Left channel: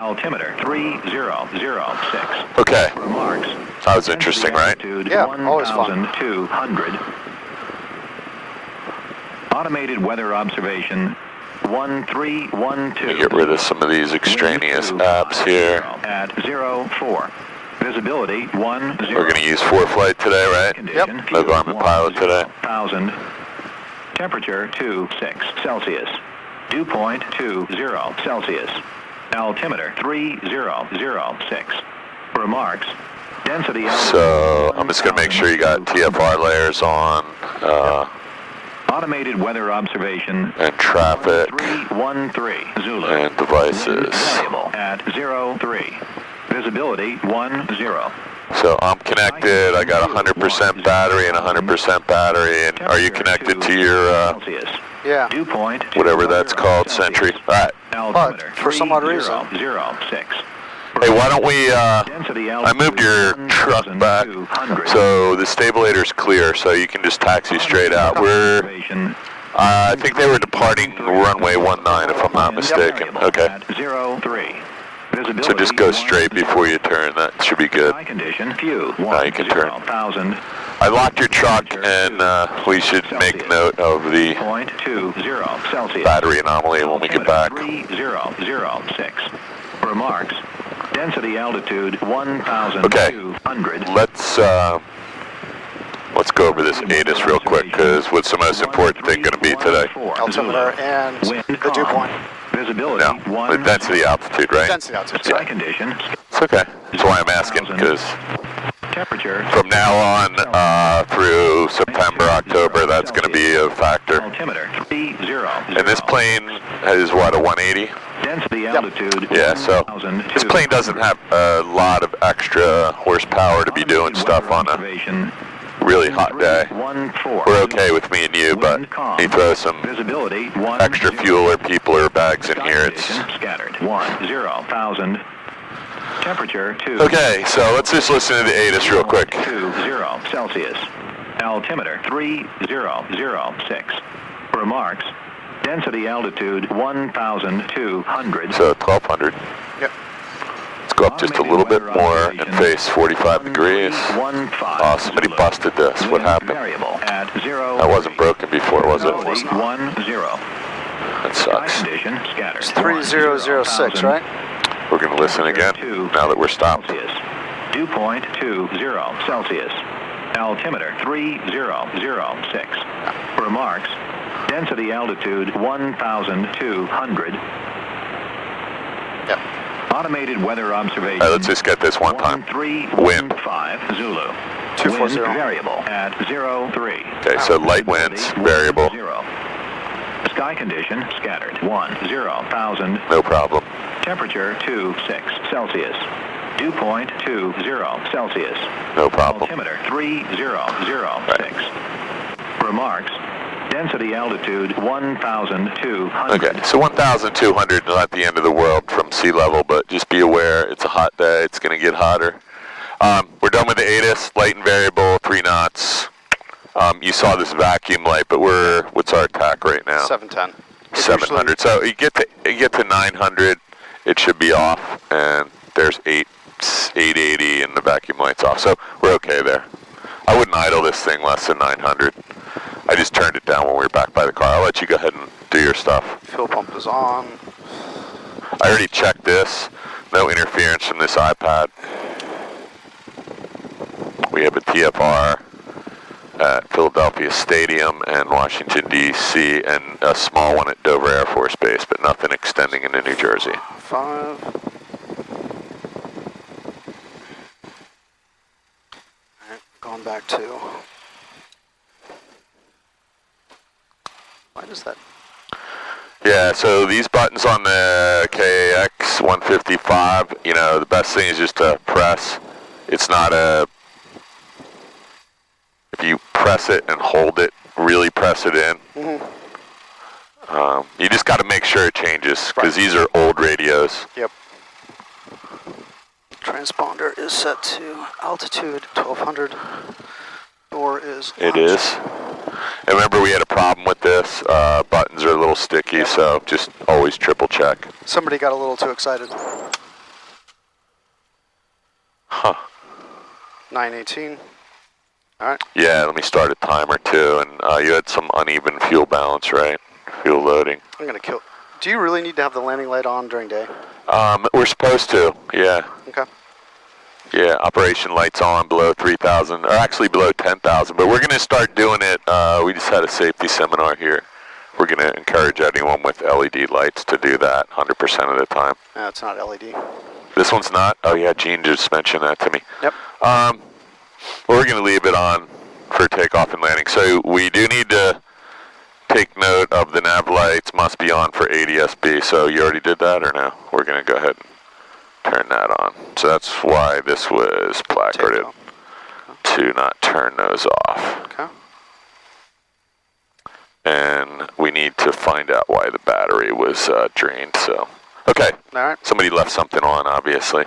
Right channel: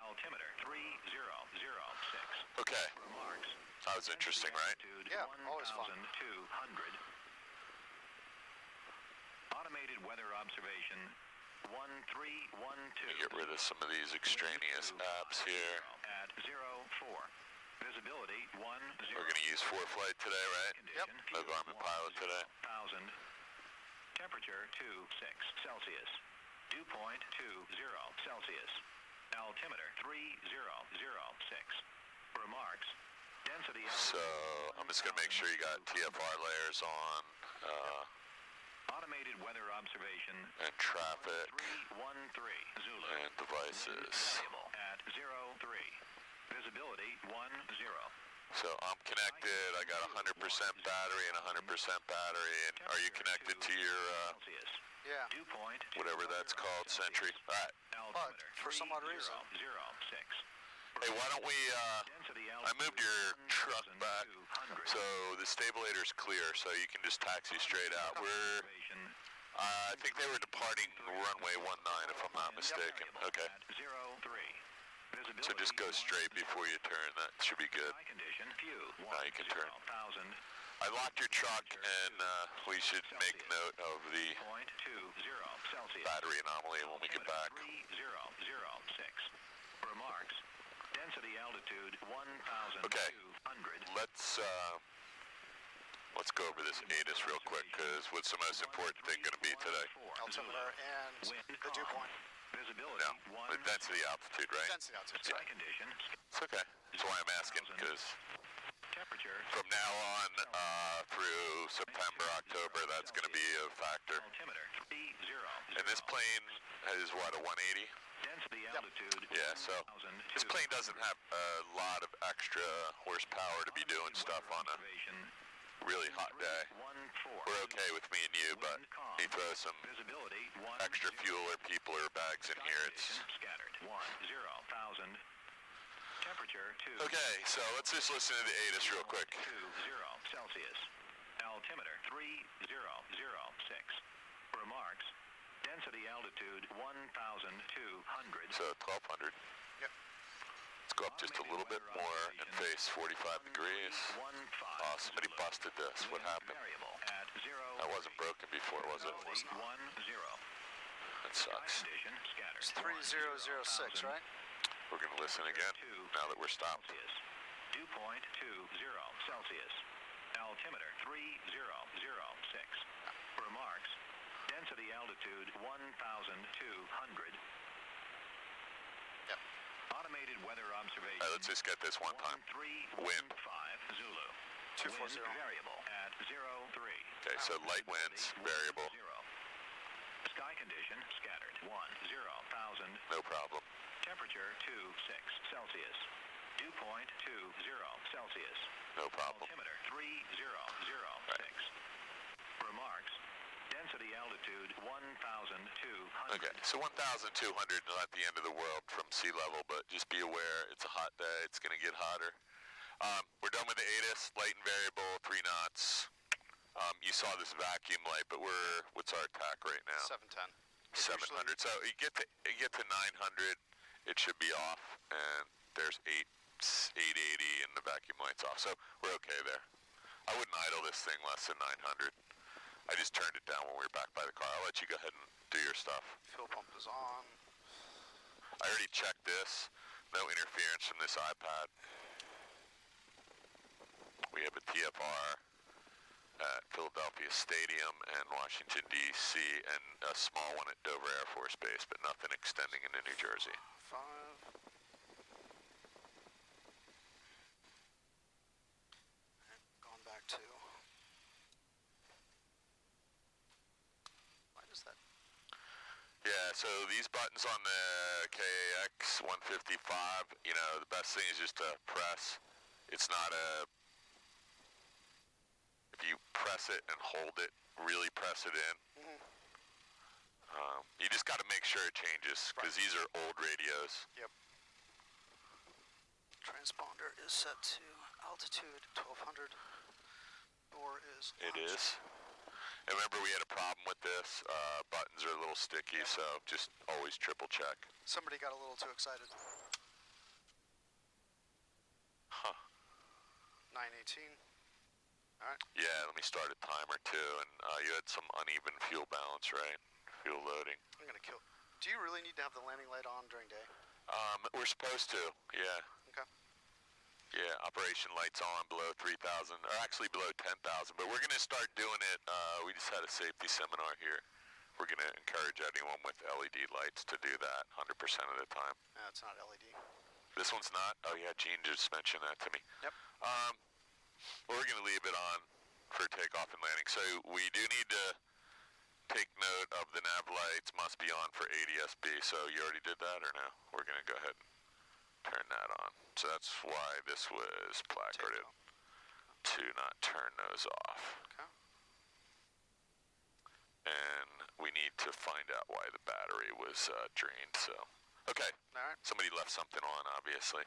Altimeter 3006. Okay. Remarks. That was interesting, right? Yeah, always fun. 1,200. Automated weather observation 1312. Let me get rid of some of these extraneous apps here. At 04. Visibility 10. We're going to use ForeFlight today, right? Yep. No Garmin Pilot today. 1,000. Temperature 26 Celsius. Dew point 20 Celsius. Altimeter 3006. Remarks. Density. So I'm just going to make sure you got TFR layers on. Automated weather observation. And traffic. 1313 Zulu. And devices. Variable at 03. Visibility 10. So I'm connected. I got 100% battery and 100% battery. And are you connected to your yeah, dew point whatever that's called, Sentry? All right. but for some odd reason. 06. Hey, why don't we, I moved your truck back, so the stabulator's clear, so you can just taxi straight out. I think they were departing runway 19, if I'm not mistaken. Okay. So just go straight before you turn. That should be good. Now you can turn. I locked your truck, and we should make note of the battery anomaly when we get back. 3006. Remarks. Density altitude 1,200. Okay. Let's go over this ATIS real quick, because what's the most important thing going to be today? Altimeter and the dew point. Visibility. No, the density altitude, right? Density altitude. Sky condition. It's okay. That's why I'm asking, because Temperature. from now on through September, October, that's going to be a factor. Altimeter 30. And this plane is what, a 180? Density altitude. Yeah, so this plane doesn't have a lot of extra horsepower to be doing stuff on a really hot day. We're okay with me and you, but you throw some extra fuel or people or bags in here, it's... Scattered. 10,000. Temperature 2. Okay, so let's just listen to the ATIS real quick. 20 Celsius. Altimeter 3006. Remarks. Density altitude 1,200. So 1,200. Yep. Let's go up just a little bit more and face 45 degrees. Oh, somebody busted this. What happened? That wasn't broken before, was it? That sucks. It's 3006, right? We're going to listen again now that we're stopped. Dew point 20 Celsius. Altimeter 3006. Remarks. Density altitude 1,200. Yep. Automated weather observation. All right, let's just get this one time. Wind. 1315 Zulu. 240. Wind variable at 03. Okay, so light winds, variable. Sky condition scattered. 10,000. No problem. Temperature 26 Celsius. Dew point 20 Celsius. No problem. Altimeter 3006. Remarks. Density altitude 1,200. Okay, so 1,200 is not the end of the world from sea level, but just be aware it's a hot day. It's going to get hotter. We're done with the ATIS, light and variable, 3 knots. You saw this vacuum light, but what's our attack right now? 710. 700. So you get to 900, it should be off, and there's 880, and the vacuum light's off. So we're okay there. I wouldn't idle this thing less than 900. I just turned it down when we were back by the car. I'll let you go ahead and do your stuff. Fuel pump is on. I already checked this. No interference from this iPad. We have a TFR at Philadelphia Stadium and Washington, D.C., and a small one at Dover Air Force Base, but nothing extending into New Jersey. 5. Alright, going back to... Why does that... Yeah, so these buttons on the KAX 155, you know, the best thing is just to press. It's not a... If you press it and hold it, really press it in, you just got to make sure it changes, because these are old radios. Yep. Transponder is set to altitude 1,200. Door is It is. And remember, we had a problem with this. Buttons are a little sticky, so just always triple check. Somebody got a little too excited. Huh. 9:18. All right. Yeah, let me start a timer too. And you had some uneven fuel balance, right? Fuel loading. I'm gonna kill. Do you really need to have the landing light on during day? We're supposed to, yeah. Okay. Yeah, operation lights on below 3,000, or actually below 10,000, but we're going to start doing it. We just had a safety seminar here. We're going to encourage anyone with LED lights to do that 100% of the time. No, it's not LED. This one's not? Oh yeah, Gene just mentioned that to me. Yep. Well, we're going to leave it on for takeoff and landing. So we do need to take note of the nav lights must be on for ADS-B. So you already did that or no? We're going to go ahead and turn that on. So that's why this was placarded to not turn those off. Okay. And we need to find out why the battery was drained. So, okay. All right. Somebody left something on, obviously.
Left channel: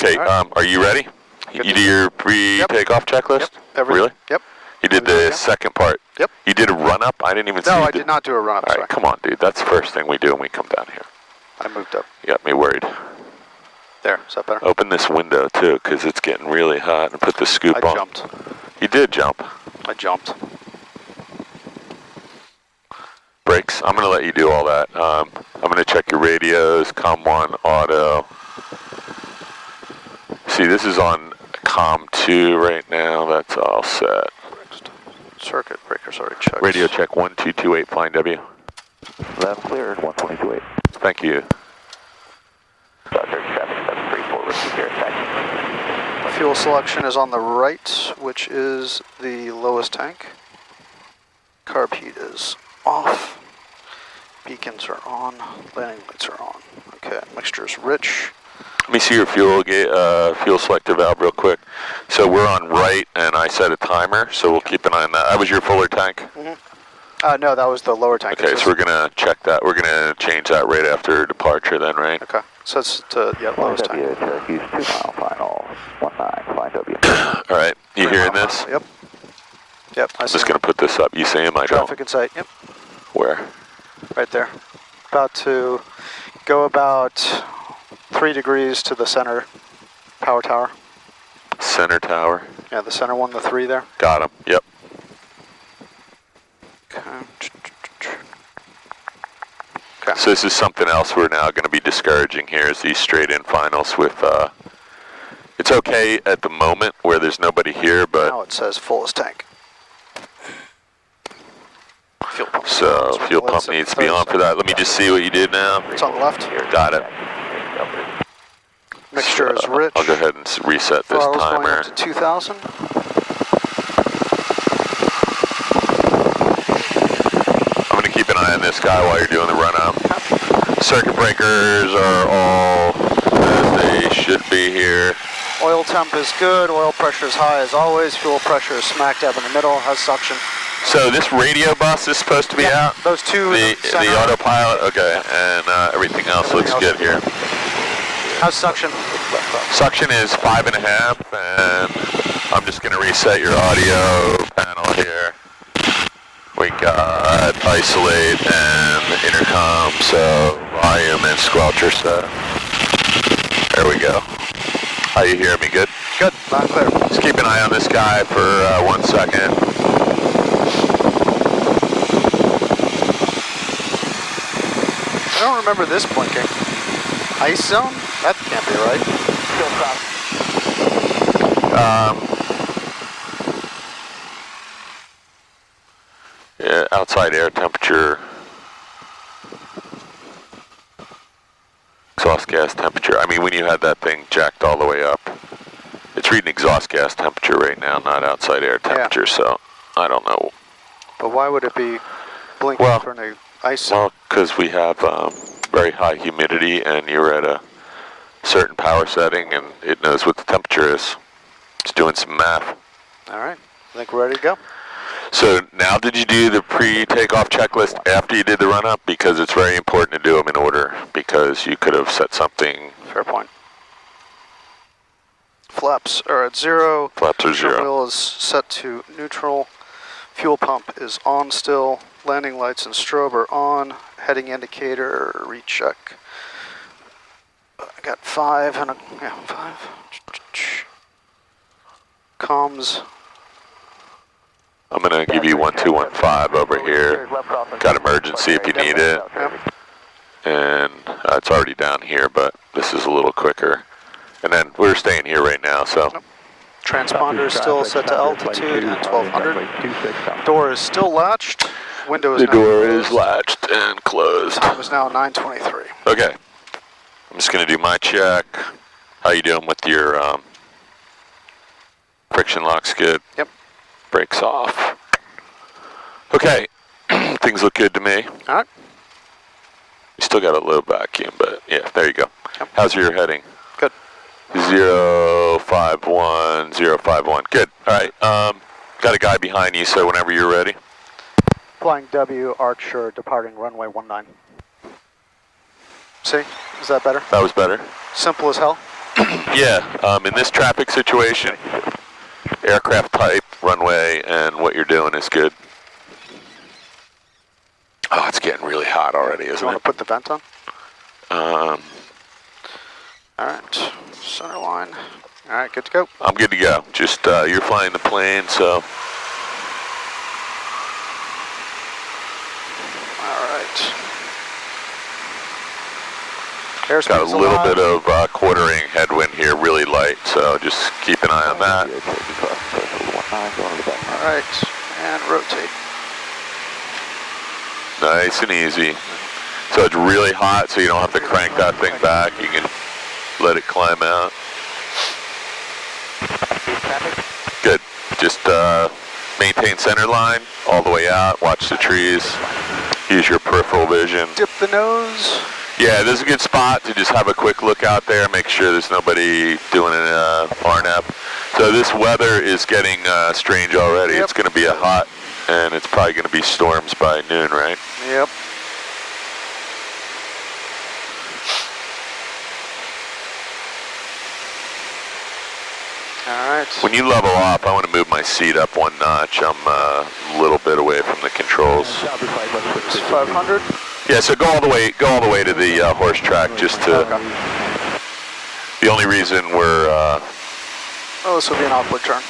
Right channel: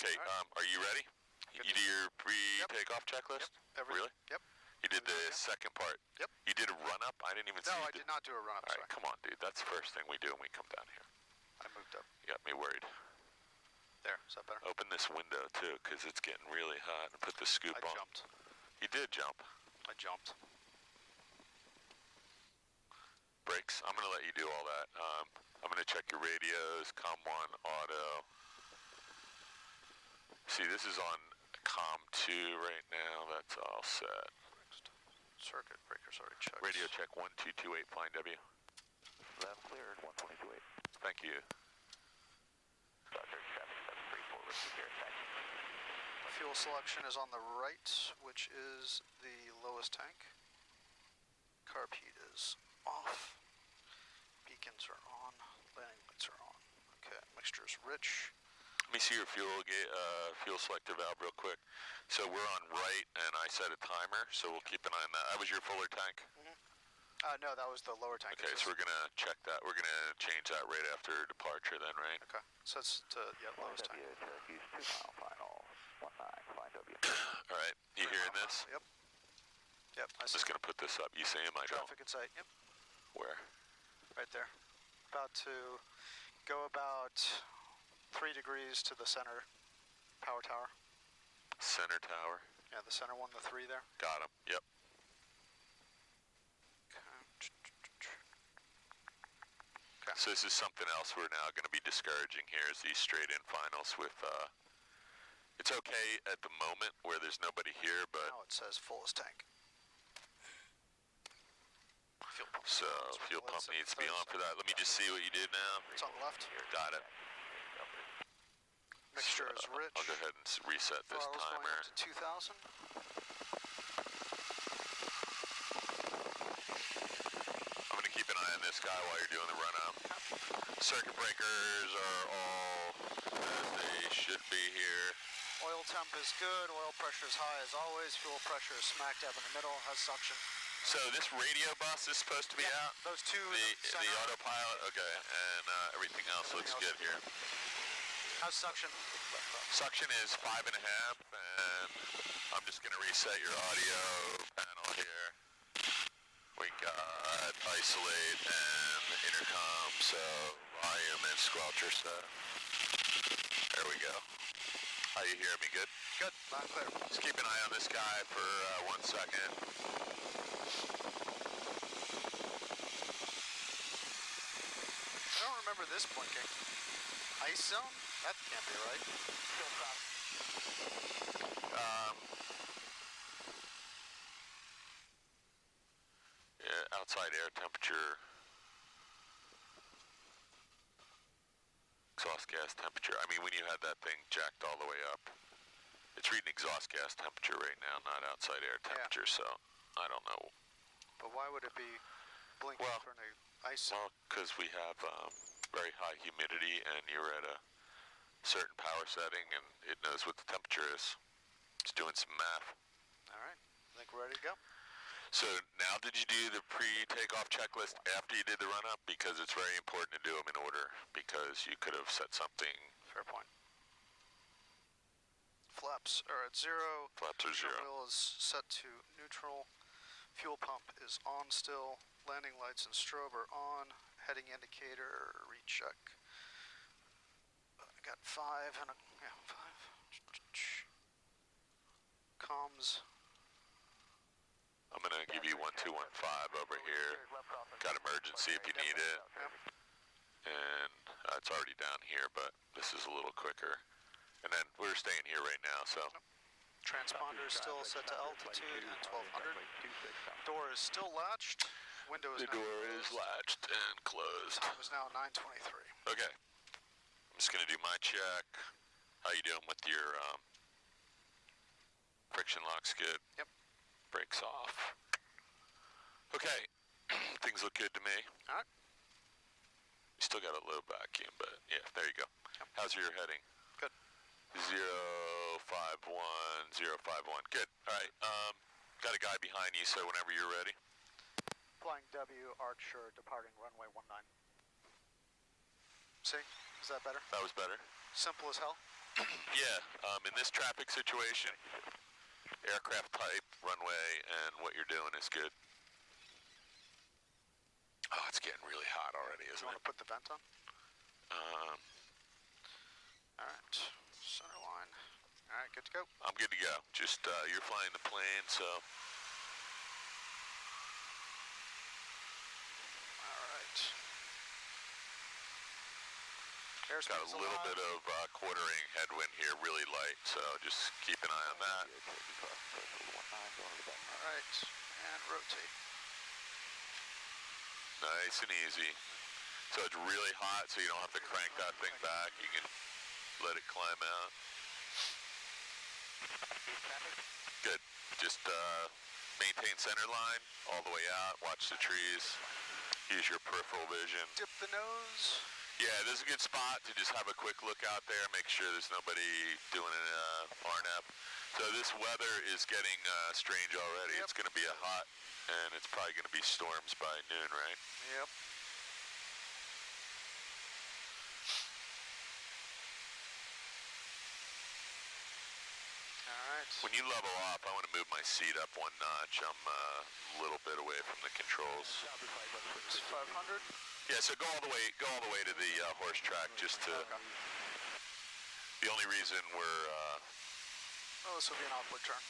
Okay. All right. Are you ready? Good You to do your pre-takeoff checklist? Yep. Everything. Really? Yep. You did the second part. Yep. You did a run-up? I didn't even see No, you I did not do a run-up. All Sorry. right, come on, dude. That's the first thing we do when we come down here. I moved up. You got me worried. There. Is that better? Open this window, too, because it's getting really hot. And put the scoop on. I jumped. You did jump. I jumped. Brakes. I'm going to let you do all that. I'm going to check your radios, COM1, auto. See, this is on COM2 right now. That's all set. Circuit breaker's already checked. Radio check 1228, flying W. Left clear, 122.8. Thank you. Dr. 7734, receive your attack. Fuel selection is on the right, which is the lowest tank. Carb heat is off. Beacons are on. Landing lights are on. Okay, mixture is rich. Let me see your fuel fuel selector valve real quick. So we're on right, and I set a timer, so we'll keep an eye on that. That was your Fuller tank? Mm-hmm. No, that was the lower tank. Okay, so we're going to check that. We're going to change that right after departure then, right? Okay, so it's to, yeah, lowest tank. Cherokee's 2 mile final, 19, flying W. All right, you hearing this? Yep. Yep, I I'm see just him. going to put this up. You see him? I don't. Traffic in sight, yep, Where? right there. About to go about 3 degrees to the center power tower. Center tower. Yeah, the center one, the 3 there. Got him. Yep. Okay. So this is something else we're now going to be discouraging here is these straight-in finals with, it's okay at the moment where there's nobody here, but Now it says fullest tank. Fuel pump. so fuel pump needs to be on for that. Let me just see what you did now. It's on the left. Got it. Mixture is So, rich. I'll go ahead and reset this Throttle's going timer. up to 2,000. I'm going to keep an eye on this guy while you're doing the run-up. Circuit breakers are all as they should be here. Oil temp is good. Oil pressure is high as always. Fuel pressure is smack dab in the middle. Has suction. So this radio bus is supposed to be out? Those two. The autopilot? Okay, and everything else looks good here. Has suction. Suction is 5.5, and I'm just going to reset your audio panel here. We got isolate and intercom, so volume and squelcher set. There we go. How you hear me? Good? Good. Loud and clear. Just keep an eye on this guy for 1 second. I don't remember this blinking. Ice zone? That can't be right. Yeah, outside air temperature, exhaust gas temperature. I mean, when you had that thing jacked all the way up, it's reading exhaust gas temperature right now, not outside air temperature, so I don't know. But why would it be blinking Well- for the ice zone? Well, because we have very high humidity and you're at a certain power setting and it knows what the temperature is. It's doing some math. All right. I think we're ready to go. So now did you do the pre-takeoff checklist after you did the run-up? Because it's very important to do them in order because you could have set something. Fair point. Flaps are at 0. Flaps are Steering 0. wheel is set to neutral. Fuel pump is on still. Landing lights and strobe are on. Heading indicator recheck. I got 5 and 5. Comms. I'm gonna give you 1215 over here. Got emergency if you need it. Yep. And it's already down here, but this is a little quicker. And then we're staying here right now, so. Yep. Transponder is still set to altitude at 1200. Door is still latched. Window is The now door closed. is latched and closed. Time is now 9:23. Okay. I'm just gonna do my check. How you doing with your friction lock skid? Yep. Brakes off. Okay. Things look good to me. All right. You still got a low vacuum, but yeah, there you go. Yep. How's your heading? Good. 051, 051. Good. All right. Got a guy behind you, so whenever you're ready. Flying W, Archer, departing runway 19. See? Is that better? That was better. Simple as hell. Yeah. In this traffic situation, aircraft type, runway, and what you're doing is good. Oh, it's getting really hot already, Do you isn't want it? to put the vent on? Um, All right. Center line. All right, good to go. I'm good to go. Just you're flying the plane, so. All right. Got a Airspeed's little alive. bit of quartering headwind here, really light, so just keep an eye on that. All right, and rotate. Nice and easy. So it's really hot, so you don't have to crank that thing back. You can let it climb out. Good. Just maintain center line all the way out. Watch the trees. Use your peripheral vision. Dip the nose. Yeah, this is a good spot to just have a quick look out there, make sure there's nobody doing an RNAP. So this weather is getting strange already. Yep. It's going to be a hot, and it's probably going to be storms by noon, right? Yep. All right. When you level off, I want to move my seat up one notch. I'm a little bit away from the controls. It's 500. Yeah, so go all the way to the horse track, just to. The only reason we're. Oh, this will be an awkward turn.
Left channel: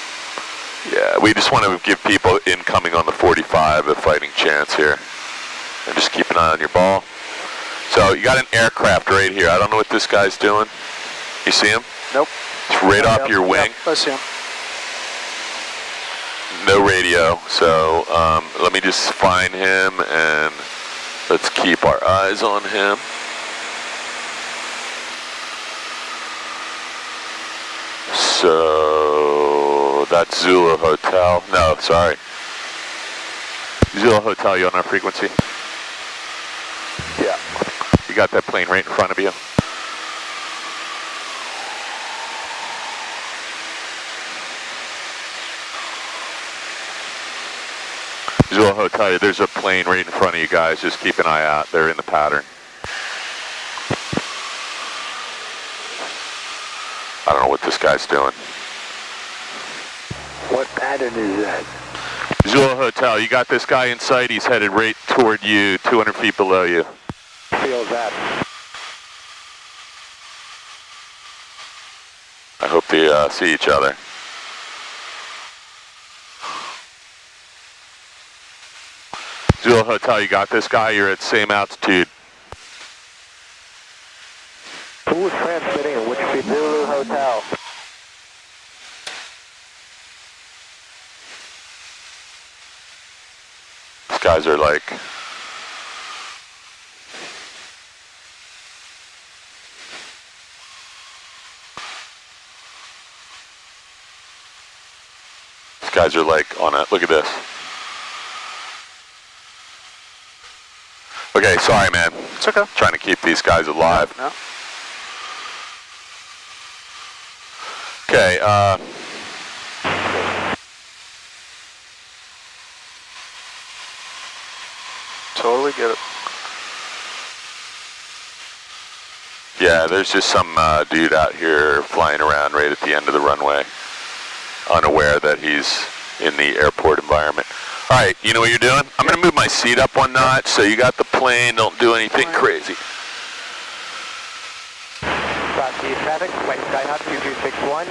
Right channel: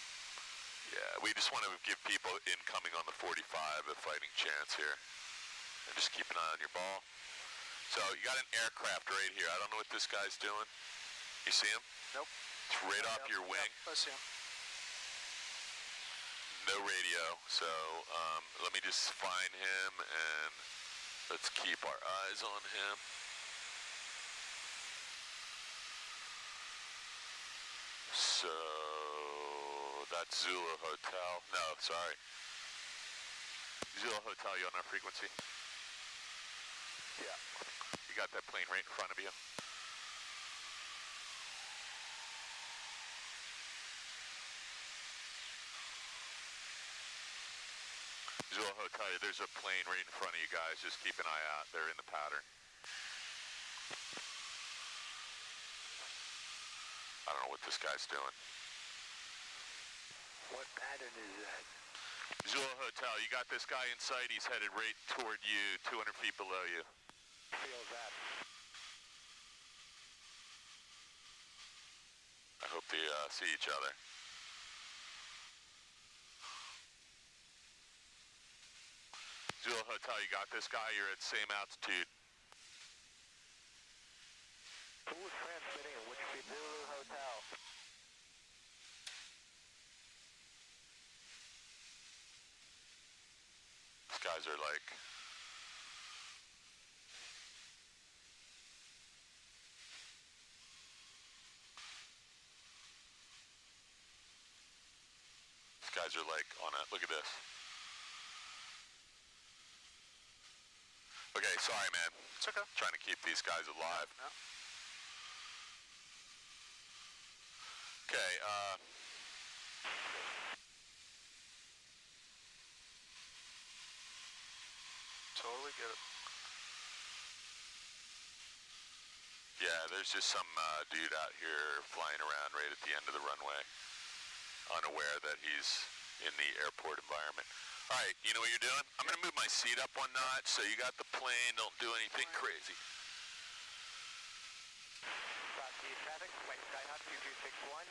Yeah, we just want to give people incoming on the 45 a fighting chance here. And just keep an eye on your ball. So you got an aircraft right here. I don't know what this guy's doing. You see him? Nope. It's right off your wing. Yep, I see him. No radio. So let me just find him and let's keep our eyes on him. So that's Zulu Hotel. No, sorry. Zulu Hotel, you on our frequency? Yeah. You got that plane right in front of you? Zulu Hotel, there's a plane right in front of you guys. Just keep an eye out. They're in the pattern. I don't know what this guy's doing. What pattern is that? Zulu Hotel, you got this guy in sight. He's headed right toward you, 200 feet below you. Feels that. I hope they see each other. Zulu Hotel, you got this guy. You're at same altitude. Who is transmitting and which people? Zulu Hotel. These guys are like... These guys are like on a... Look at this. Okay, sorry, man. It's okay. Trying to keep these guys alive. No. Okay, Totally get it. yeah, there's just some dude out here flying around right at the end of the runway, unaware that he's in the airport environment. All right, you know what you're doing? I'm going to move my seat up one notch, so you got the plane, don't do anything crazy. cross the traffic, white Skyhawk 2261,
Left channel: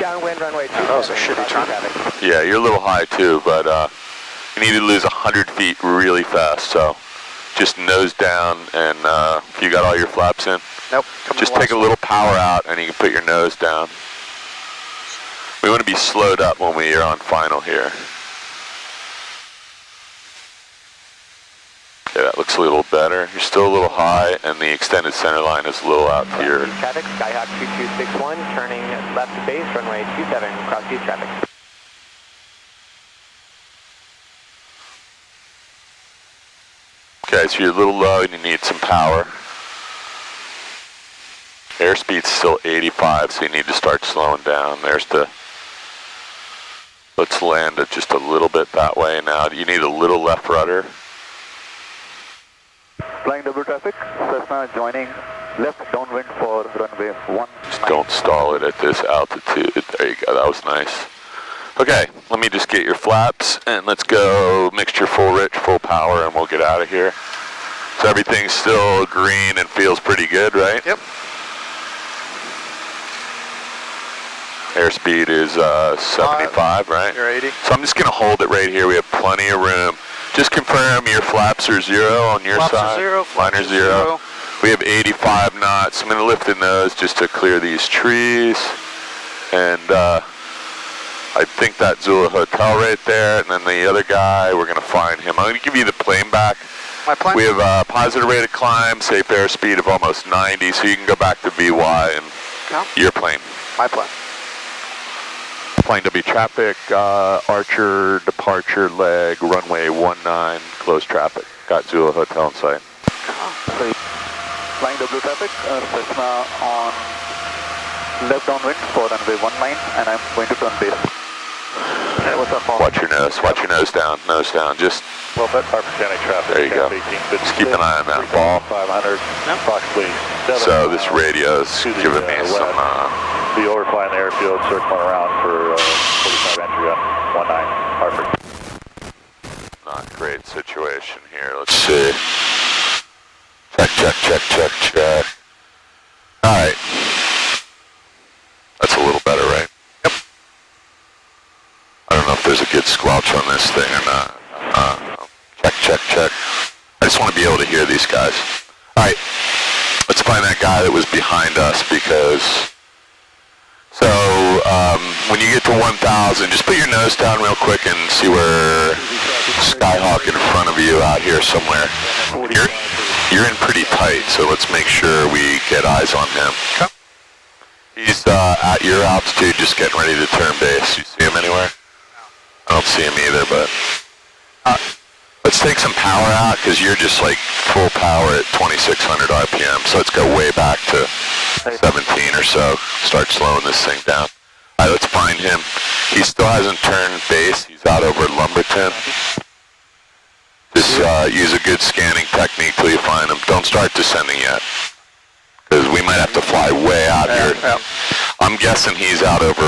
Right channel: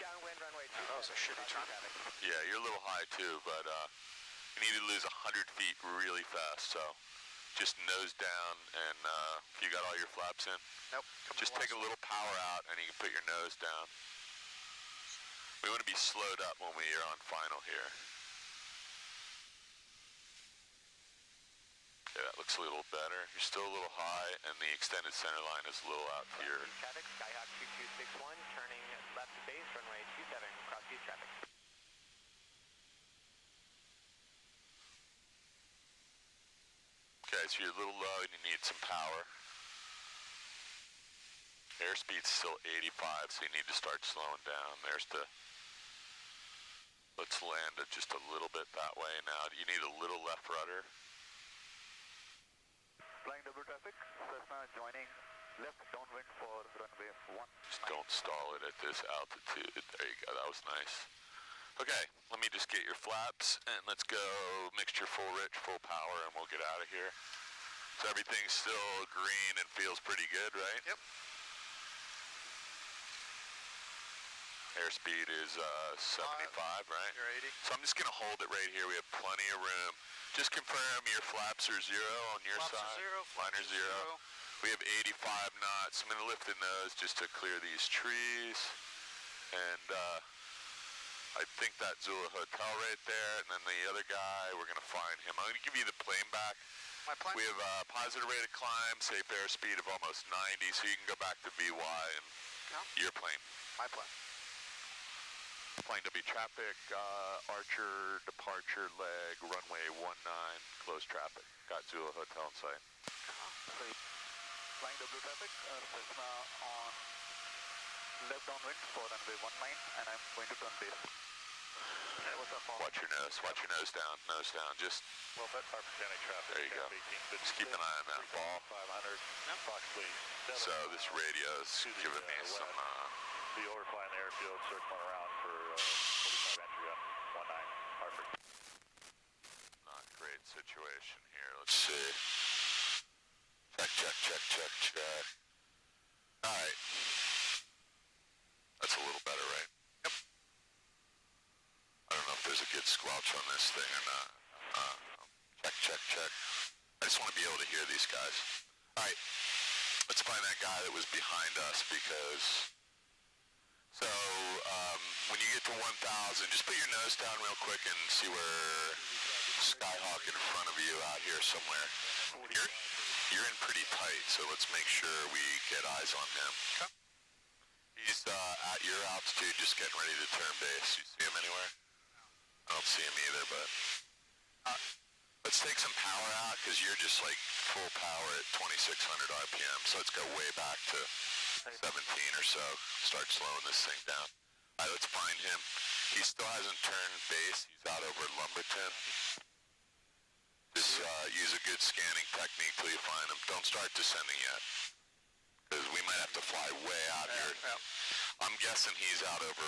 downwind runway 27. That was a shitty turn. Yeah, you're a little high too, but you need to lose 100 feet really fast, so just nose down, and you got all your flaps in? Nope. Just take a little power out and you can put your nose down. We want to be slowed up when we are on final here. Okay, that looks a little better. You're still a little high, and the extended center line is a little out to your... Traffic, Skyhawk 2261, turning left base, runway 27, cross east traffic. Okay, so you're a little low and you need some power. Airspeed's still 85, so you need to start slowing down. There's the... Let's land it just a little bit that way now. You need a little left rudder. Flying W traffic, Cessna joining left downwind for runway 1. Just don't stall it at this altitude. There you go, that was nice. Okay, let me just get your flaps and let's go mixture full rich, full power, and we'll get out of here. So everything's still green and feels pretty good, right? Yep. Airspeed is 75, right? You're 80. So I'm just gonna hold it right here. We have plenty of room. Just confirm your flaps are 0 on your Flaps side. are 0, Mine flaps are are 0. 0. We have 85 knots. I'm gonna lift the nose just to clear these trees. And I think that Zulu Hotel right there, and then the other guy, we're gonna find him. I'm gonna give you the plane back. My plane? We have a positive rate of climb, safe airspeed of almost 90, so you can go back to VY and your plane. My plane. Plane W traffic, Archer, departure leg, runway 19, closed traffic. Got Zulu Hotel in sight. Flying W traffic, Cessna on left downwind for runway 19, and I'm going to turn base. Hey, what's up, Paul? Watch your nose down, just, Well, that's our percentage traffic. there you go. Just keep an eye on that ball. 500, approximately 7 So this radio's to the, giving me some, Be overflying the airfield, circling around for 45 entry on 19, Hartford. not great situation here. Let's see. Check. All right. That's a little better, right? Yep. I don't know if there's a good squelch on this thing or not. Check. I just want to be able to hear these guys. All right. Let's find that guy that was behind us because... So, when you get to 1,000, just put your nose down real quick and see where Skyhawk in front of you out here somewhere. You're in pretty tight, so let's make sure we get eyes on him. Okay. He's at your altitude, just getting ready to turn base. You see him anywhere? I don't see him either, but let's take some power out because you're just like full power at 2,600 RPM. So let's go way back to 17 or so. Start slowing this thing down. All right, let's find him. He still hasn't turned base. He's out over Lumberton. Just use a good scanning technique till you find him. Don't start descending yet, because we might have to fly way out here. Yeah. I'm guessing he's out over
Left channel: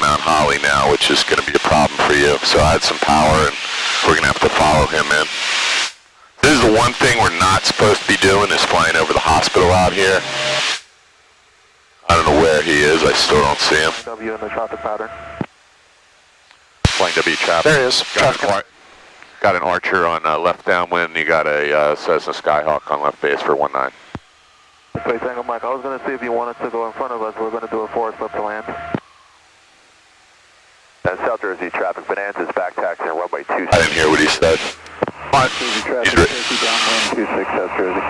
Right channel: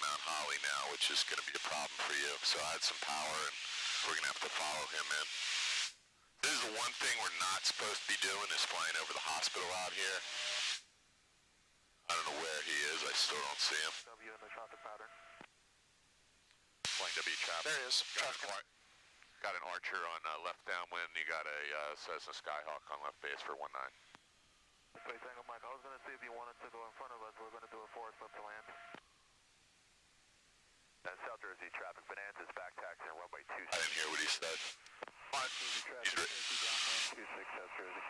Mount Holly now, which is going to be a problem for you. So add some power, and we're going to have to follow him in. This is the one thing we're not supposed to be doing, is flying over the hospital out here. I don't know where he is. I still don't see him. W in the traffic pattern. Flying W traffic. There he is. Got an Archer on left downwind. You got a Cessna Skyhawk on left base for 19. Space Angle Mike, I was going to see if you wanted to go in front of us. We're going to do a forward flip to land. And South Jersey traffic, Bonanza's back taxiing runway 26. I didn't hear what he said. Jersey traffic, Jersey downwind 26, South Jersey.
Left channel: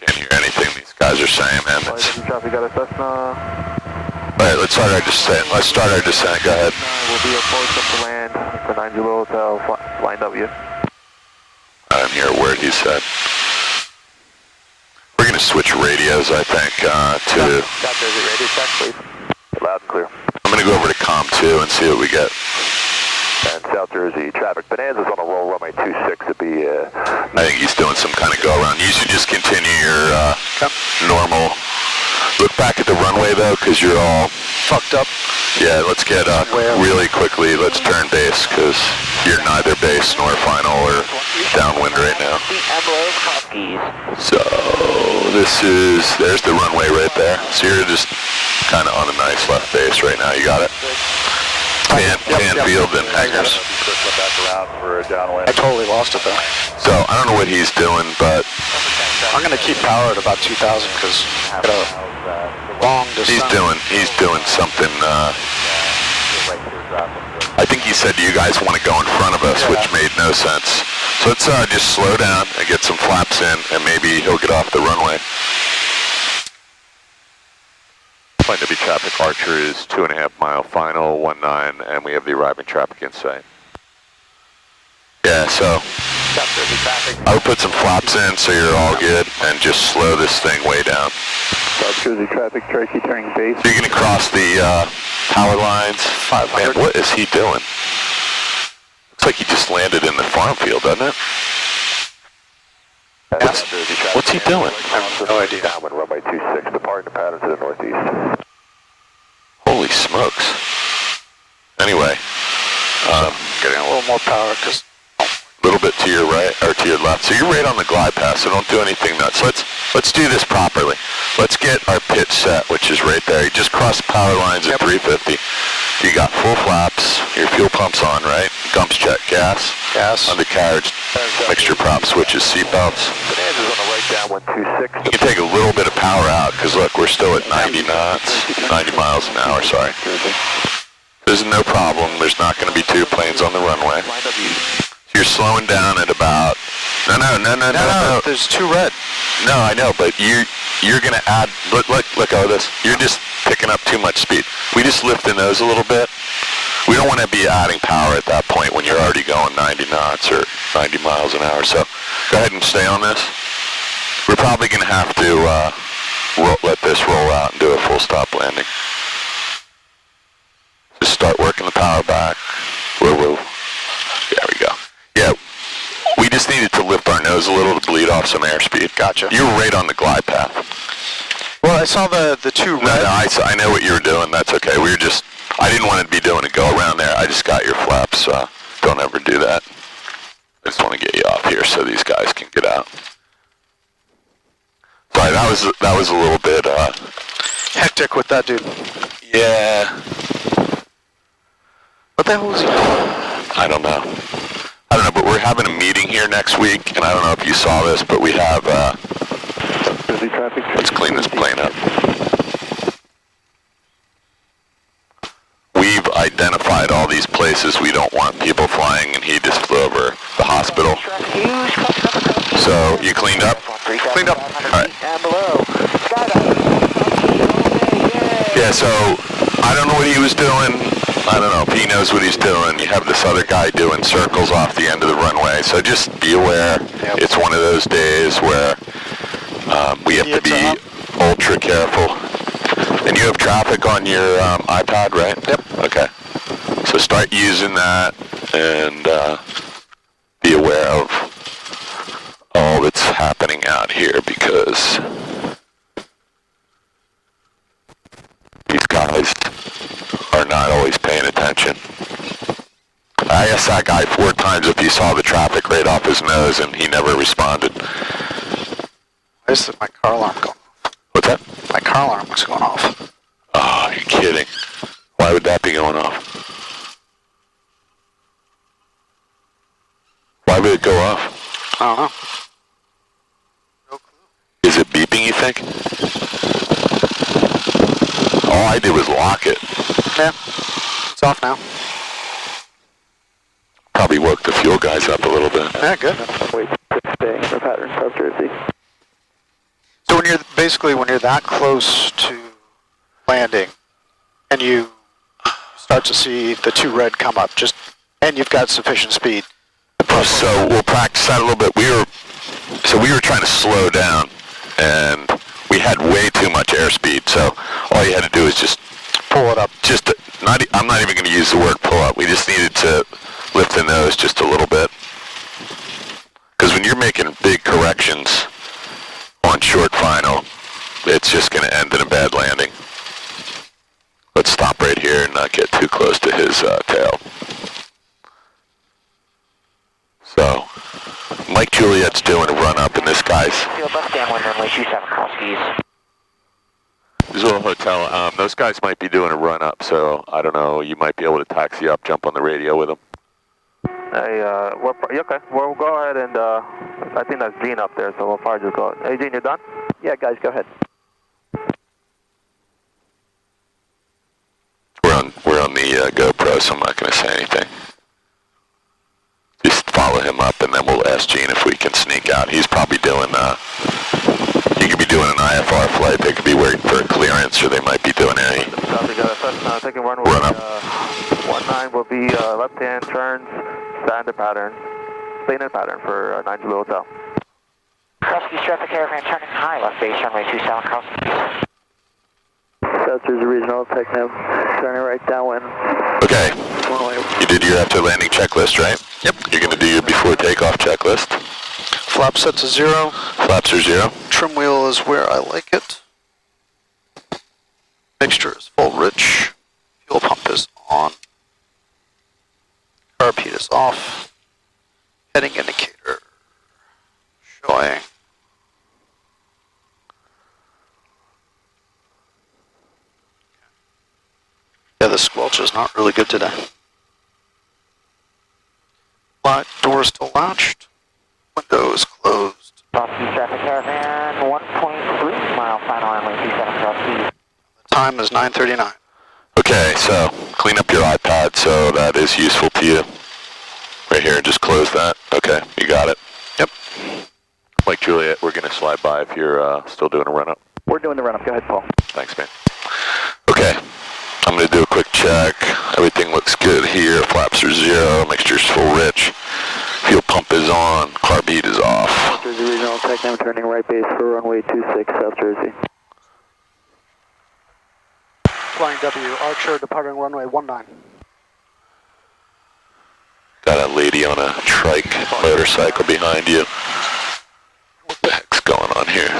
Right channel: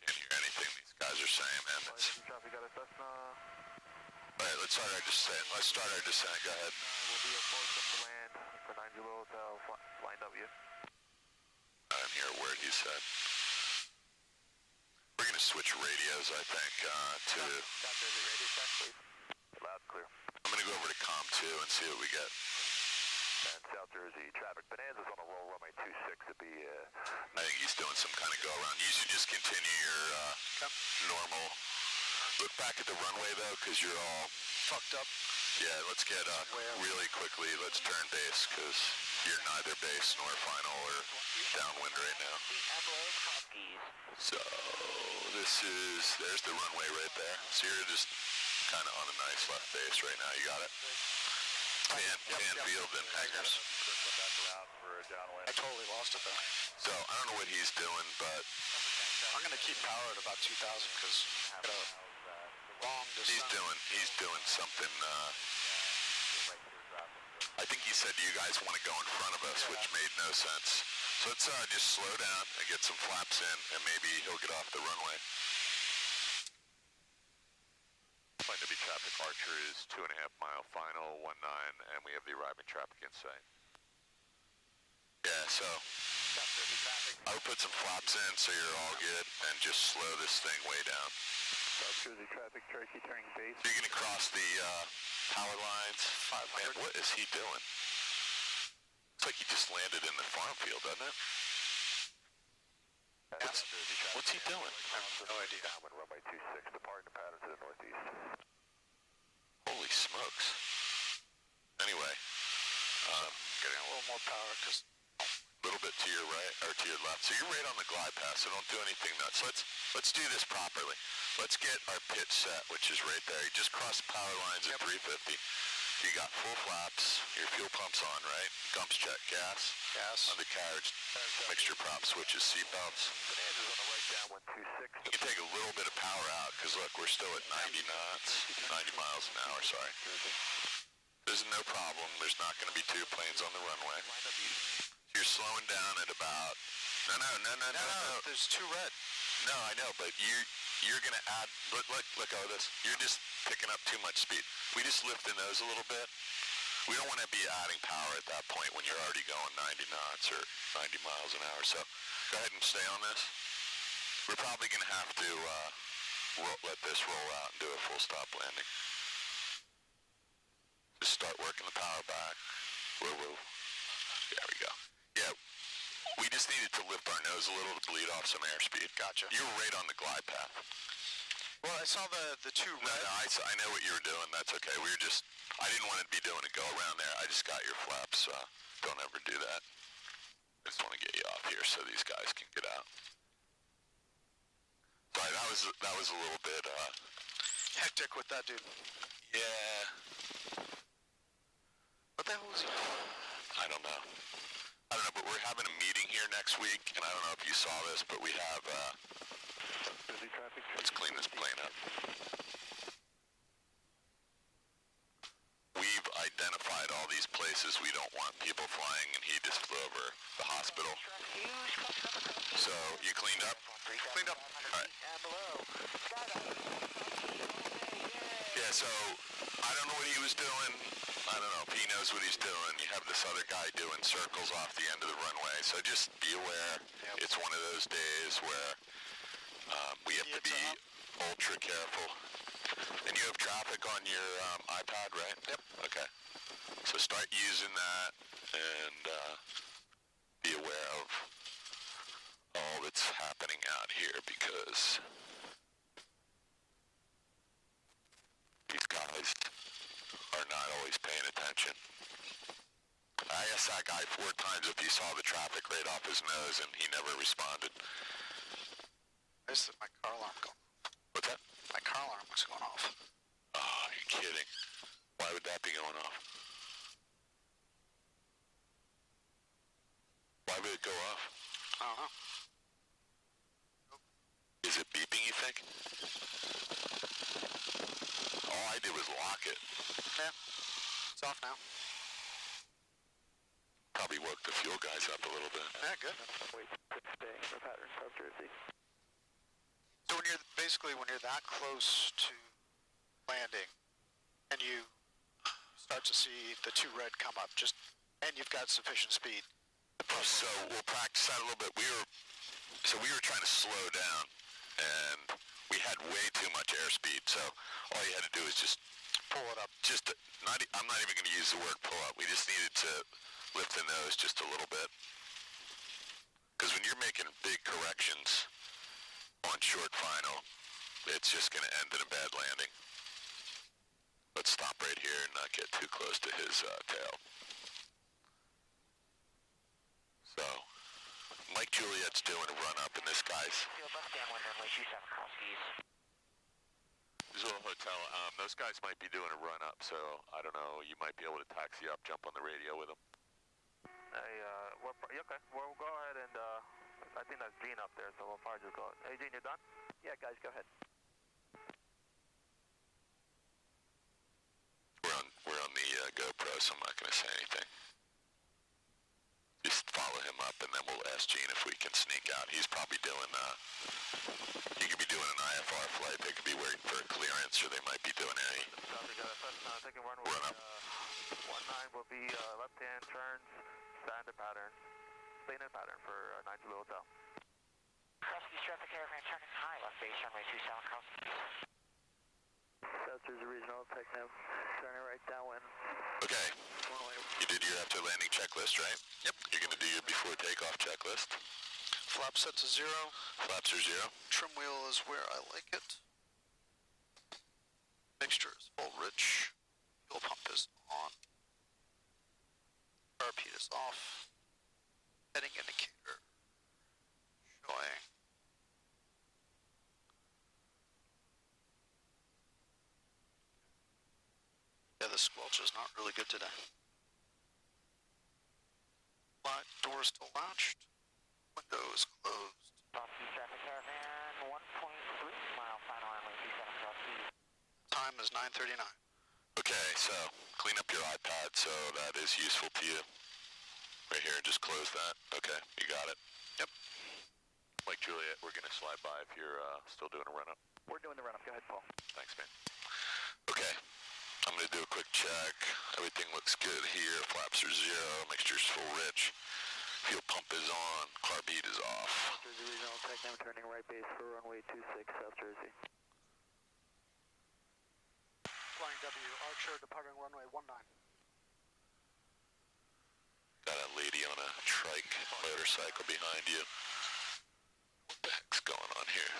Can't hear anything these guys are saying, man. Traffic got a Cessna. All right, let's start our descent. Go ahead. Will be a forward flip to land for 90 Hotel, flying W. I didn't hear a word he said. We're going to switch radios, I think, to... South Jersey radio check, please. Loud and clear. I'm going to go over to COM 2 and see what we get. And South Jersey traffic, Bonanza's on a roll runway 26 to be... I think he's doing some kind of go-around. You should just continue your normal... Look back at the runway, though, because you're all fucked up. Yeah, let's get really quickly. Let's turn base because you're neither base nor final or downwind right now. So there's the runway right there. So you're just kind of on a nice left base right now. You got it? Pan field and hangers. I totally lost it though. So I don't know what he's doing, but I'm gonna keep power at about 2,000 because I got a long distance. he's doing something. I think he said you guys want to go in front of us, which made no sense. So let's just slow down and get some flaps in, and maybe he'll get off the runway. Flight W traffic, Archer is 2.5 mile final, 19, and we have the arriving traffic in sight. Yeah, so I would put some flaps in so you're all good, and just slow this thing way down. South Jersey traffic, Tracy turning base. You're going to cross the power lines. Man, what is he doing? Looks like he just landed in the farm field, doesn't it? What's he doing? I have no idea. Downwind runway 26, departing the pattern to the northeast. Holy smokes. Anyway, Getting a little more power because a little bit to your right, or to your left. So you're right on the glide path, so don't do anything nuts. Let's do this properly. Let's get our pitch set, which is right there. You just crossed the power lines at 350. You got full flaps, your fuel pump's on, right? Gumps check, gas, undercarriage, mixture prop switches, seatbelts. Bonanza's on the right, downwind 26. You can take a little bit of power out, because look, we're still at 90 knots, 90 miles an hour, sorry. There's no problem, there's not going to be two planes on the runway. You're slowing down at about, no, there's two red. No, I know, but you're going to add, look at this. You're just picking up too much speed. We just lift the nose a little bit. We don't want to be adding power at that point when you're already going 90 knots or 90 miles an hour. So go ahead and stay on this. We're probably going to have to let this roll out and do a full stop landing. Just start working the power back. Whoa. There we go. Yeah, we just needed to lift our nose a little to bleed off some airspeed. Gotcha. You were right on the glide path. Well, I saw the two red. No, I know what you were doing. That's okay. I didn't want to be doing it go around there. I just got your flaps. Don't ever do that. I just want to get you off here so these guys can get out. Sorry, that was a little bit hectic with that dude. Yeah. What the hell was he doing? I don't know, but we're having a meeting here next week, and I don't know if you saw this, but we have, let's clean this plane up. We've identified all these places we don't want people flying, and he just flew over the hospital. So, you cleaned up? Cleaned up. All right. Yeah, so, I don't know what he was doing. I don't know if he knows what he's doing. You have this other guy doing circles off the end of the runway, so just be aware. Yep. It's one of those days where we have to be ultra careful. And you have traffic on your iPad, right? Yep. Okay. So start using that and be aware of all that's happening out here, because these guys are not always paying attention. I asked that guy 4 times if he saw the traffic right off his nose, and he never responded. Why is my car alarm going off? What's that? My car alarm was going off. Oh, you're kidding. Why would that be going off? Why would it go off? I don't know. No clue. Is it beeping, you think? All I did was lock it. Yeah. It's off now. Probably woke the fuel guys up a little bit. Yeah, good. Wait, staying for pattern, South Jersey. So when you're that close to landing, and you start to see the two red come up, and you've got sufficient speed. So we'll practice that a little bit. We were trying to slow down, and we had way too much airspeed. So all you had to do is just pull it up. I'm not even going to use the word pull up. We just needed to lift the nose just a little bit. Because when you're making big corrections on short final, it's just going to end in a bad landing. Let's stop. not get too close to his tail. So, Mike Juliet's doing a run up, and this guy's... Left downwind runway 27 cross keys. Missoula Hotel, those guys might be doing a run up, so I don't know, you might be able to taxi up, jump on the radio with them. Hey, okay, we'll go ahead and, I think that's Gene up there, so we'll probably just go. Hey, Gene, you done? Yeah, guys, go ahead. We're on the GoPro, so I'm not going to say anything. Just follow him up, and then we'll ask Gene if we can sneak out. He's probably doing, he could be doing an IFR flight. They could be waiting for a clearance, or they might be doing any Copy, got a taking runway. run up. 19 will be left-hand turns, standard pattern, standard pattern for 9 Zulu Hotel. Cross-keys traffic caravan turning high, left base runway 27 cross-keys. South Jersey Regional, Technam, turning right downwind. Okay, you did your after landing checklist, right? Yep. You're going to do your before takeoff checklist. Flap set to 0. Flaps are 0. Trim wheel is where I like it. Mixture is full rich. Fuel pump is on. Carb heat is off. Heading indicator showing. Yeah, the squelch is not really good today. But door is still latched. Window is closed. Cross-keys traffic caravan 1.3 mile final runway 27 cross-keys. The time is 9:39. Okay, so clean up your iPad so that is useful to you. Right here, just close that. Okay, you got it. Yep. Mike Juliet, we're going to slide by if you're still doing a run-up. We're doing the run-up. Go ahead, Paul. Thanks, man. Okay, I'm going to do a quick check. Everything looks good here. Flaps are 0, mixture's full rich. Fuel pump is on, carb heat is off. South Jersey Regional, Technam, turning right base for runway 26, South Jersey. Flying W, Archer departing runway 19. Got a lady on a trike motorcycle behind you. What the heck's going on here?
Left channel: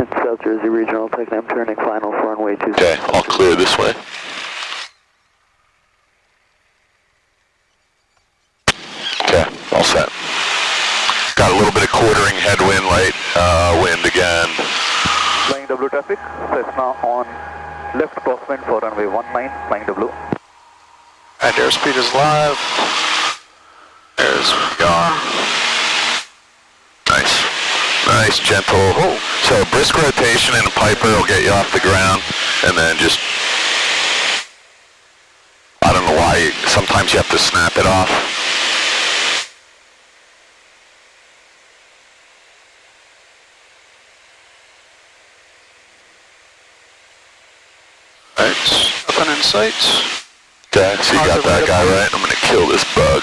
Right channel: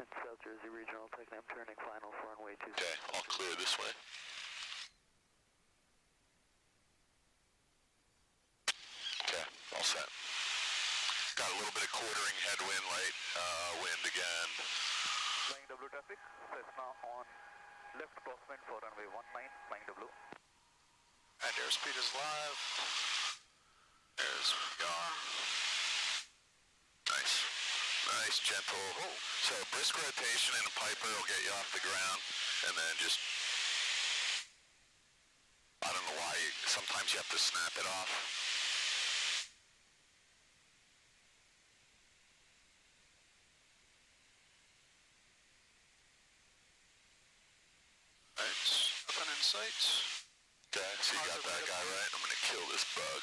It's South Jersey Regional, Technam, turning final for runway 26. Okay, all clear this way. Okay, all set. Got a little bit of quartering headwind, light wind again. Flying W traffic, Cessna on left crosswind for runway 19, flying W. And airspeed is live. There's we are. Nice. Nice, gentle. Oh, so a brisk rotation and a Piper will get you off the ground, and then just, I don't know why, sometimes you have to snap it off. Right, nothing in sight. Okay, so you got that guy right. I'm going to kill this bug.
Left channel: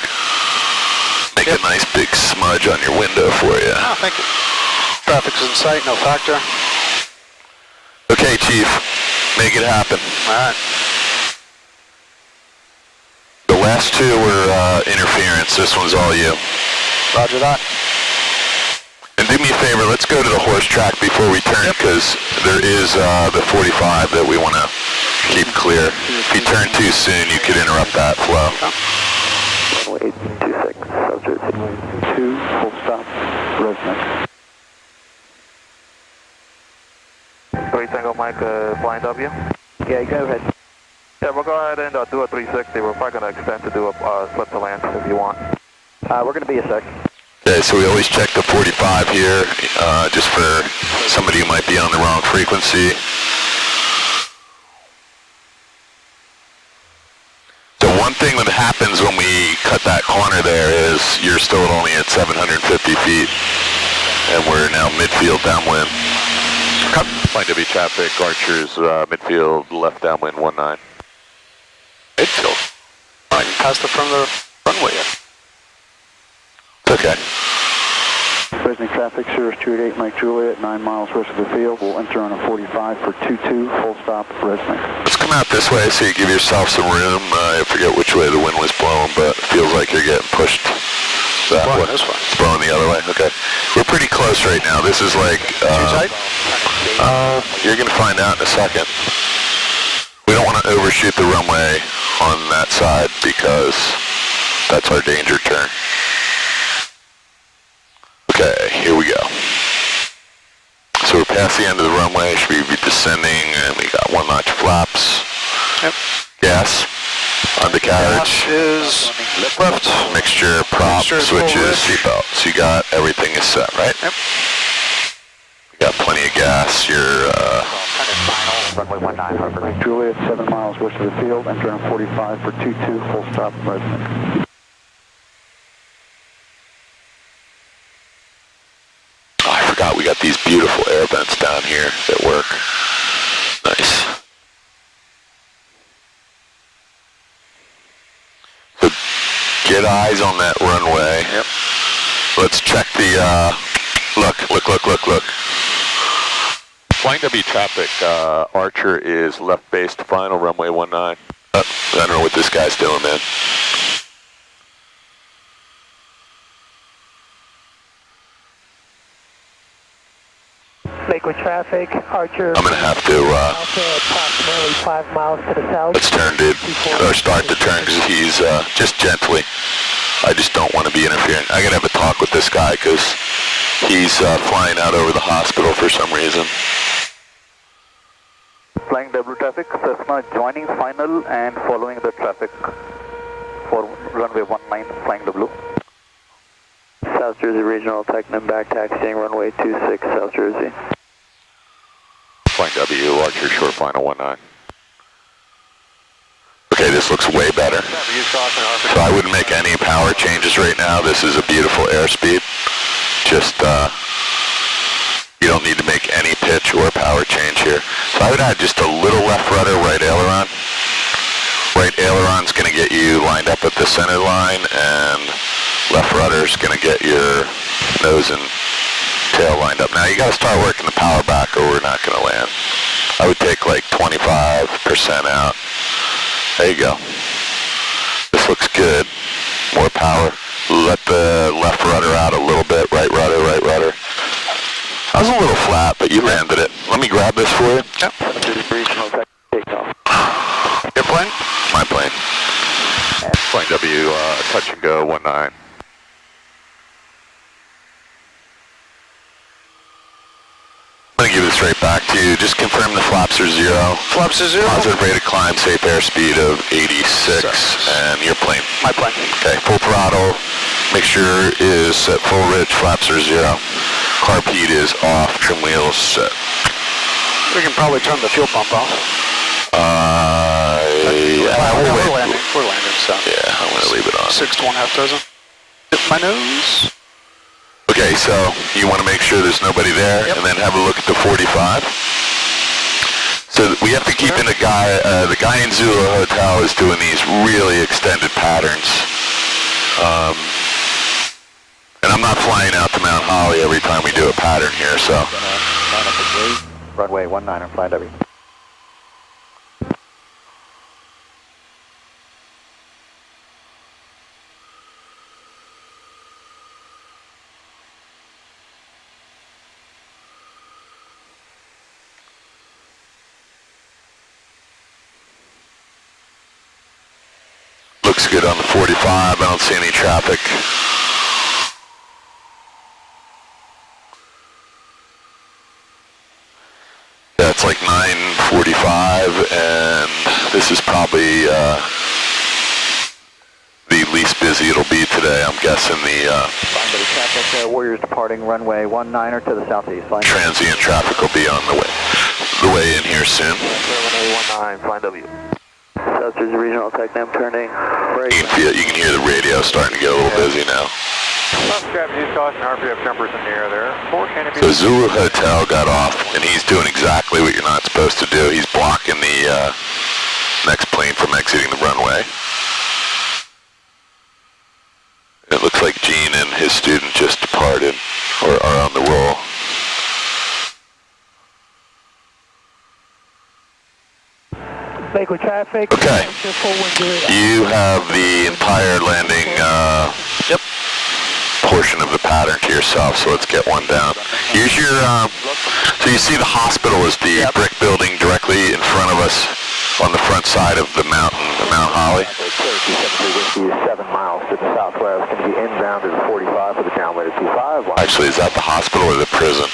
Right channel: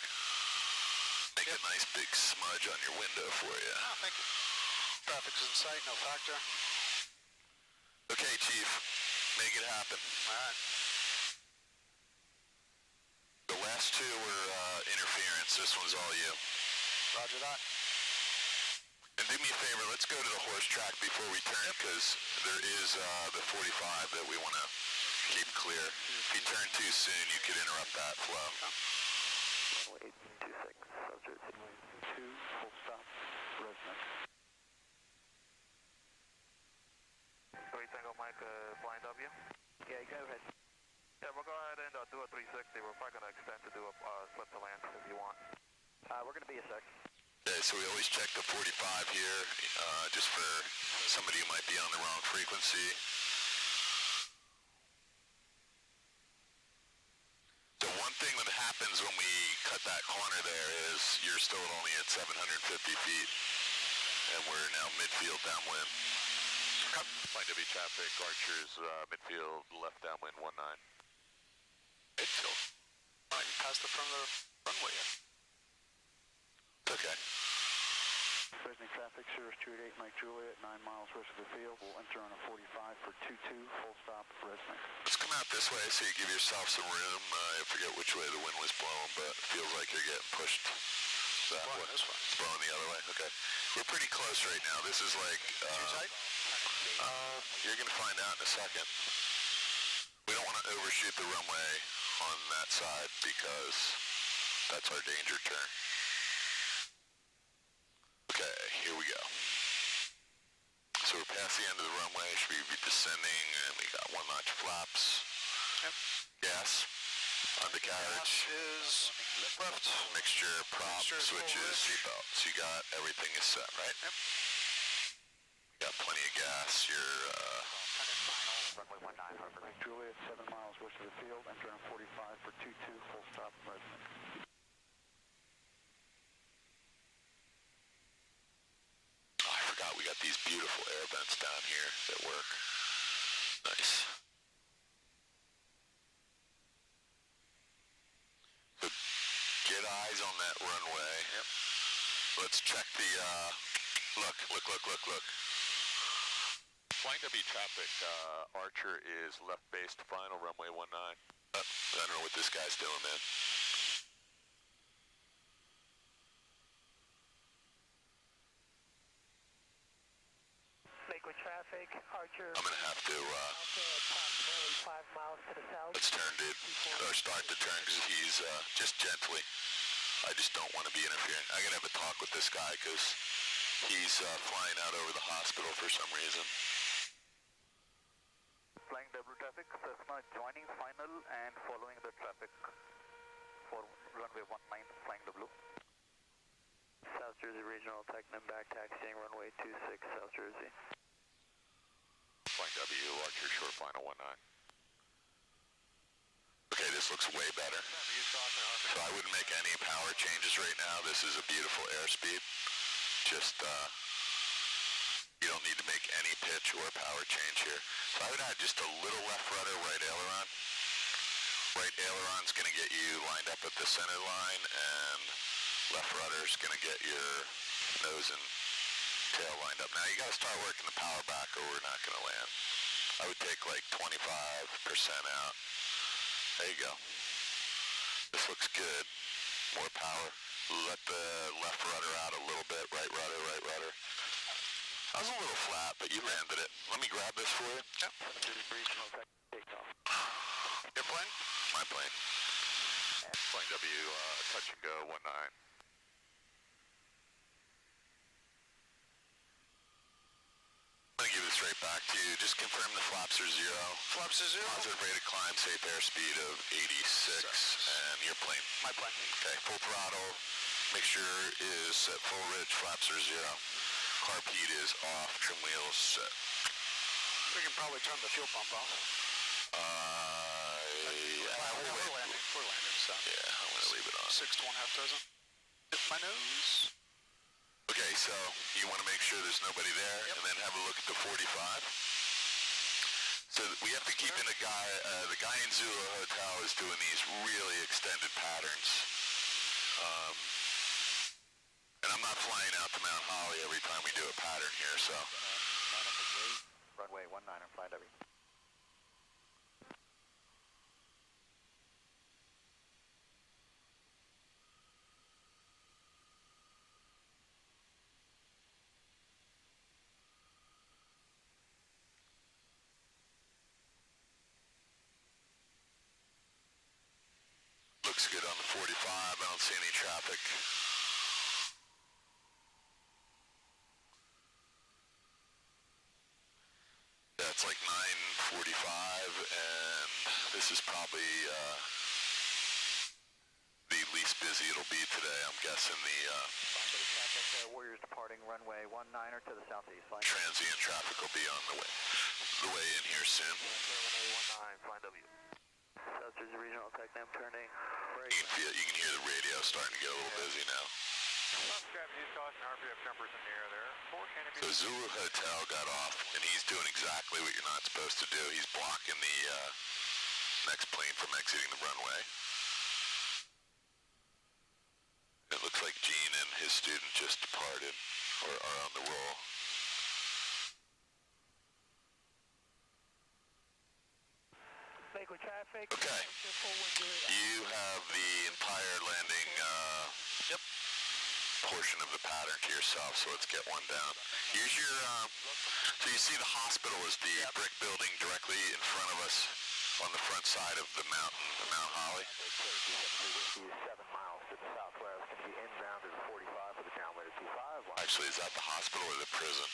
Make Yep. a nice big smudge on your window for you. Oh, thank you. Traffic's in sight, no factor. Okay, Chief, make it happen. All right. The last two were interference. This one's all you. Roger that. And do me a favor, let's go to the horse track before we turn, because there is the 45 that we want to keep clear. If you turn too soon, you could interrupt that flow. Runway 26, South Jersey. 2, full stop, Resnick. 3 Tango Mike, flying W. Yeah, go ahead. Yeah, we'll go ahead and do a 360. We're probably going to extend to do a slip to land if you want. We're going to be a sec. Okay, so we always check the 45 here, just for somebody who might be on the wrong frequency. So one thing that happens when we cut that corner there is you're still only at 750 feet, and we're now midfield downwind. Flying W traffic, Archer's midfield left downwind 19. Midfield? I can pass the front of the runway yet. It's okay. Resnick traffic, Cirrus 288, Mike Juliet, 9 miles west of the field. We'll enter on a 45 for 22, full stop, Resnick. Let's come out this way so you give yourself some room. I forget which way the wind was blowing, but it feels like you're getting pushed that way. This way. It's blowing the other way, okay. We're pretty close right now. This is like... Too tight? You're going to find out in a second. We don't want to... don't overshoot the runway on that side because that's our danger turn. Okay, here we go. So we're past the end of the runway, should we be descending, and we got 1 notch flaps. Yep. Gas, undercarriage. Gas is left. Mixture, prop, Mixture, switches, seatbelt. So you got, everything is set, right? Yep. You got plenty of gas, you're, Runway 19, Harbor. Mike Juliet, 7 miles west of the field, enter on 45 for 22, full stop, resident. oh, I forgot we got these beautiful air vents down here that work. Nice. So get eyes on that runway. Yep. Let's check the, look. Flying W traffic, Archer is left base to final, runway 19. I don't know what this guy's doing, man. Lakewood traffic, Archer. I'm gonna have to, approximately 5 miles to the south. let's turn, dude, or start the turn, because he's, just gently. I just don't want to be interfering. I gotta have a talk with this guy, because he's, flying out over the hospital for some reason. Flying W traffic, Cessna joining final and following the traffic for runway 19, flying W. South Jersey Regional, Technam back taxiing runway 26, South Jersey. Flying W, Archer short final 19. Okay, this looks way better. So I wouldn't make any power changes right now. This is a beautiful airspeed. Just, you don't need to make any pitch or power change here. So I would add just a little left rudder, right aileron. Right aileron's gonna get you lined up at the center line, and left rudder's gonna get your nose and tail lined up. Now you gotta start working the power back or we're not gonna land. I would take like 25% out. There you go. This looks good. More power. Let the left rudder out a little bit. Right rudder, right rudder. I was a little flat, but you landed it. Let me grab this for you. Yep. Regional takeoff. Your plane? My plane. Flying W, touch and go 19. I'm going to give this right back to you. Just confirm the flaps are 0. Flaps are 0. Positive rate of climb, safe airspeed of 86. And your plane. My plane. Okay, full throttle. Mixture is at full ridge, flaps are 0. Carb heat is off, trim wheels set. We can probably turn the fuel pump off. We're landing, so. Yeah, I'm going to leave it on. 6 to 1/2 dozen. Hit my nose. Okay, so you want to make sure there's nobody there, Yep. and then have a look at the 45. So we have to keep in the guy in Zulu Hotel is doing these really extended patterns. And I'm not flying out to Mount Holly every time we do a pattern here, so. Line up at gate, runway 19 on flying W. Looks good on the 45. I don't see any traffic. Yeah, it's like 9:45, and this is probably the least busy it'll be today. I'm guessing the Flying W traffic, Warriors departing runway 19 to the southeast. Flying transient traffic will be on the way in here soon. Runway 19, flying W. South Jersey Regional, Technam turning right. You can hear the radio starting to get a little busy now. Use caution, RPF numbers in the air there. 4 canopy. So Zulu Hotel got off, and he's doing exactly what you're not supposed to do. He's blocking the next plane from exiting the runway. It looks like Gene and his student just departed, or are on the roll. Lakewood traffic. Okay. You have the entire landing portion of the pattern to yourself, so let's get one down. Here's your, so you see the hospital is the brick building directly in front of us. on the front side of the mountain, Mount Holly. Cherokee 73 Whiskey is 7 miles to the southwest. Going to be inbound to the 45 for the downwind at 25. Actually, is that the hospital or the prison?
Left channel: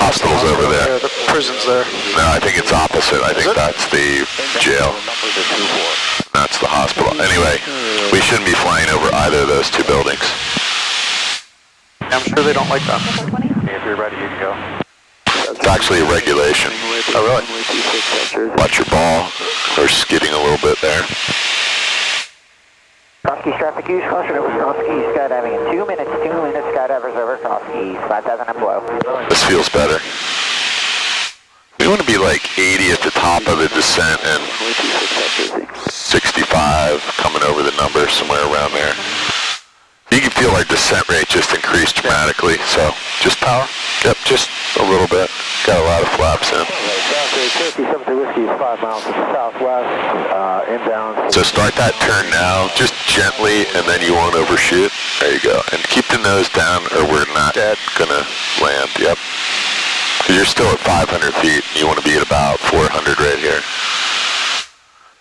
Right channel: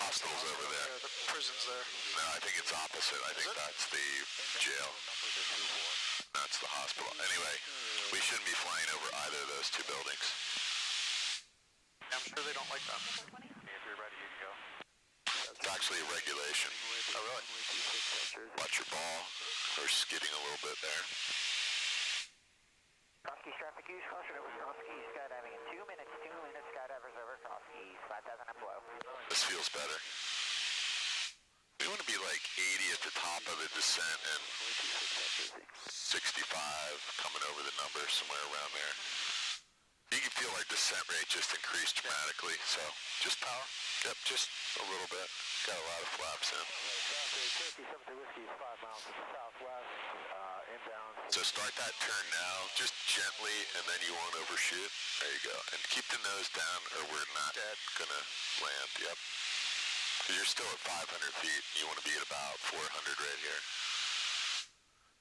Hospital's over there. The prison's there. No, I think it's opposite. I think that's the jail. That's the hospital. Anyway, we shouldn't be flying over either of those two buildings. I'm sure they don't like that. If you're ready, you can go. It's actually a regulation. Oh, really? Watch your ball. They're skidding a little bit there. Cross-Keys traffic use, caution over Cross-Keys skydiving in 2 minutes, skydivers over Cross-Keys, 5,000 and below. This feels better. We want to be like 80 at the top of the descent and 65 coming over the number, somewhere around there. You can feel our descent rate just increased dramatically, so just power. Yep, just a little bit. Got a lot of flaps in. Cherokee 73 Whiskey is 5 miles to the southwest, inbound. So start that turn now, just gently, and then you won't overshoot. There you go. And keep the nose down or we're not gonna land. Yep. Because you're still at 500 feet. You want to be at about 400 right here.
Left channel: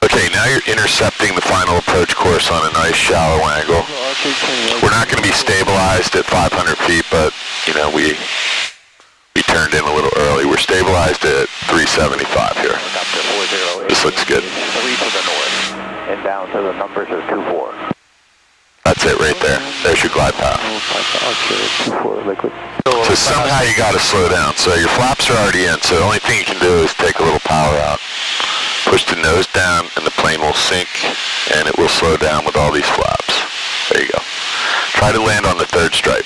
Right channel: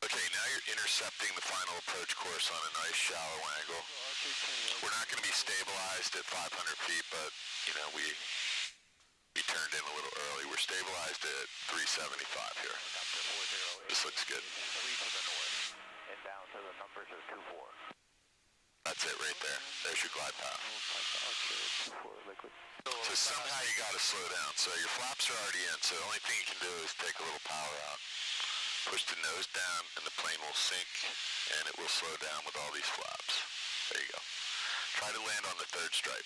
Okay, now you're intercepting the final approach course on a nice shallow angle. We're not going to be stabilized at 500 feet, but, you know, we turned in a little early. We're stabilized at 375 here. This looks good. 3 to the north. Inbound to the numbers of 24. That's it right there. There's your glide path. So somehow you got to slow down. So your flaps are already in, so the only thing you can do is take a little power out. Push the nose down and the plane will sink and it will slow down with all these flaps. There you go. Try to land on the third stripe.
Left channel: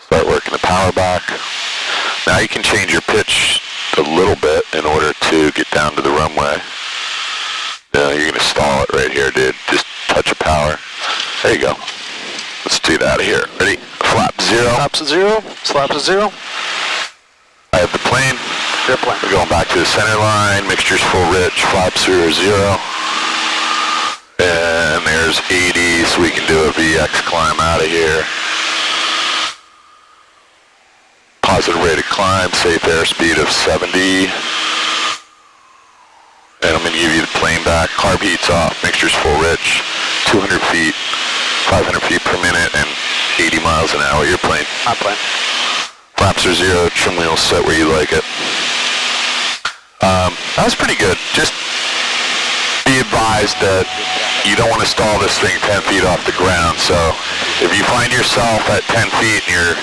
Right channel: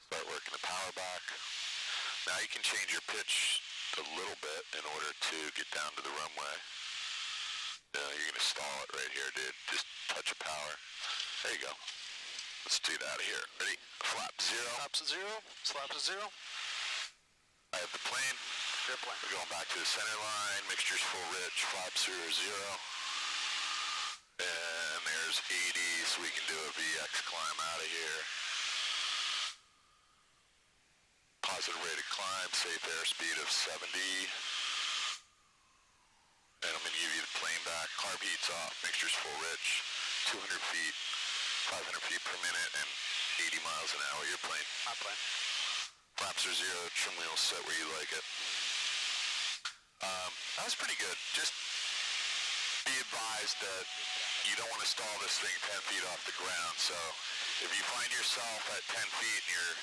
Start working the power back. Now you can change your pitch a little bit in order to get down to the runway. No, you're going to stall it right here, dude. Just touch of power. There you go. Let's do that here. Ready? Flap 0. Flaps at 0. Slaps at 0. I have the plane. Airplane. We're going back to the center line. Mixture's full rich. Flaps 0, 0. And there's 80, so we can do a VX climb out of here. Positive rate of climb, safe airspeed of 70. And I'm going to give you the plane back. Carb heat's off. Mixture's full rich. 200 feet, 500 feet per minute, and 80 miles an hour. Your plane. My plane. Flaps are 0. Trim wheels set where you like it. That was pretty good. Just be advised that you don't want to stall this thing 10 feet off the ground. So if you find yourself at 10 feet and you're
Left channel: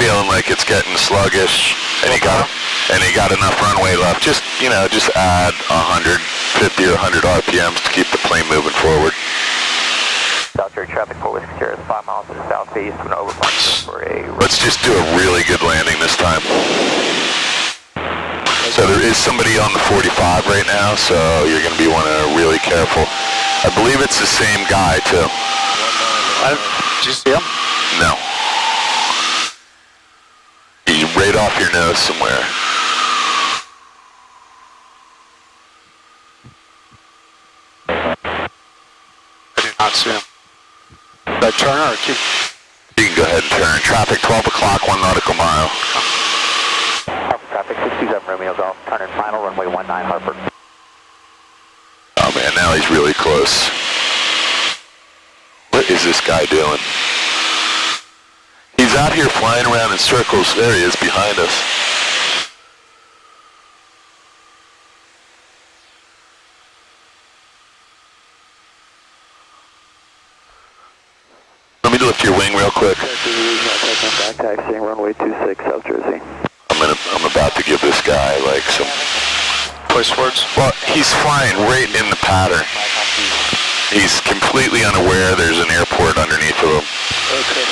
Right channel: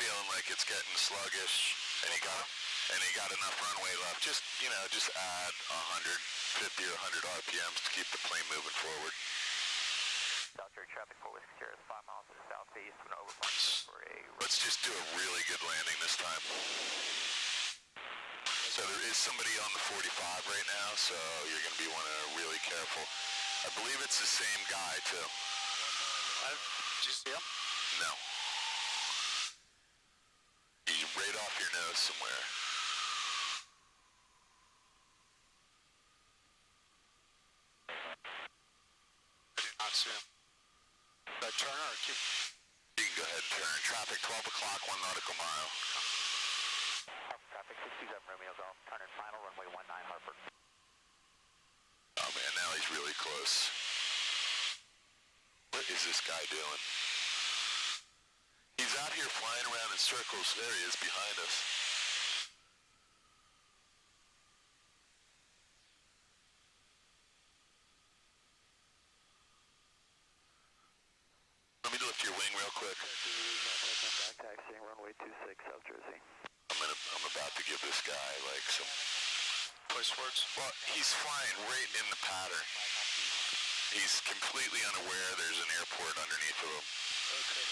feeling like it's getting sluggish and you got enough runway left, just add 150 or 100 RPMs to keep the plane moving forward. South Cherokee traffic for Whiskey Sierra is 5 miles to the southeast and overflight for a... Let's just do a really good landing this time. So there is somebody on the 45 right now, so you're going to be wanting to really careful. I believe it's the same guy, too. Did you see him? No. He's right off your nose somewhere. I did not see him. Did I turn or keep? You can go ahead and turn. Traffic 12 o'clock, 1 nautical mile. Traffic 67 Romeo Golf, turn in final runway 19 Hartford. Oh man, now he's really close. What is this guy doing? He's out here flying around in circles. There he is behind us. Let me lift your wing real quick. Back taxiing runway 26 South Jersey. I'm about to give this guy like some Choice words. Well, he's flying right in the pattern. He's completely unaware there's an airport underneath of him. Okay,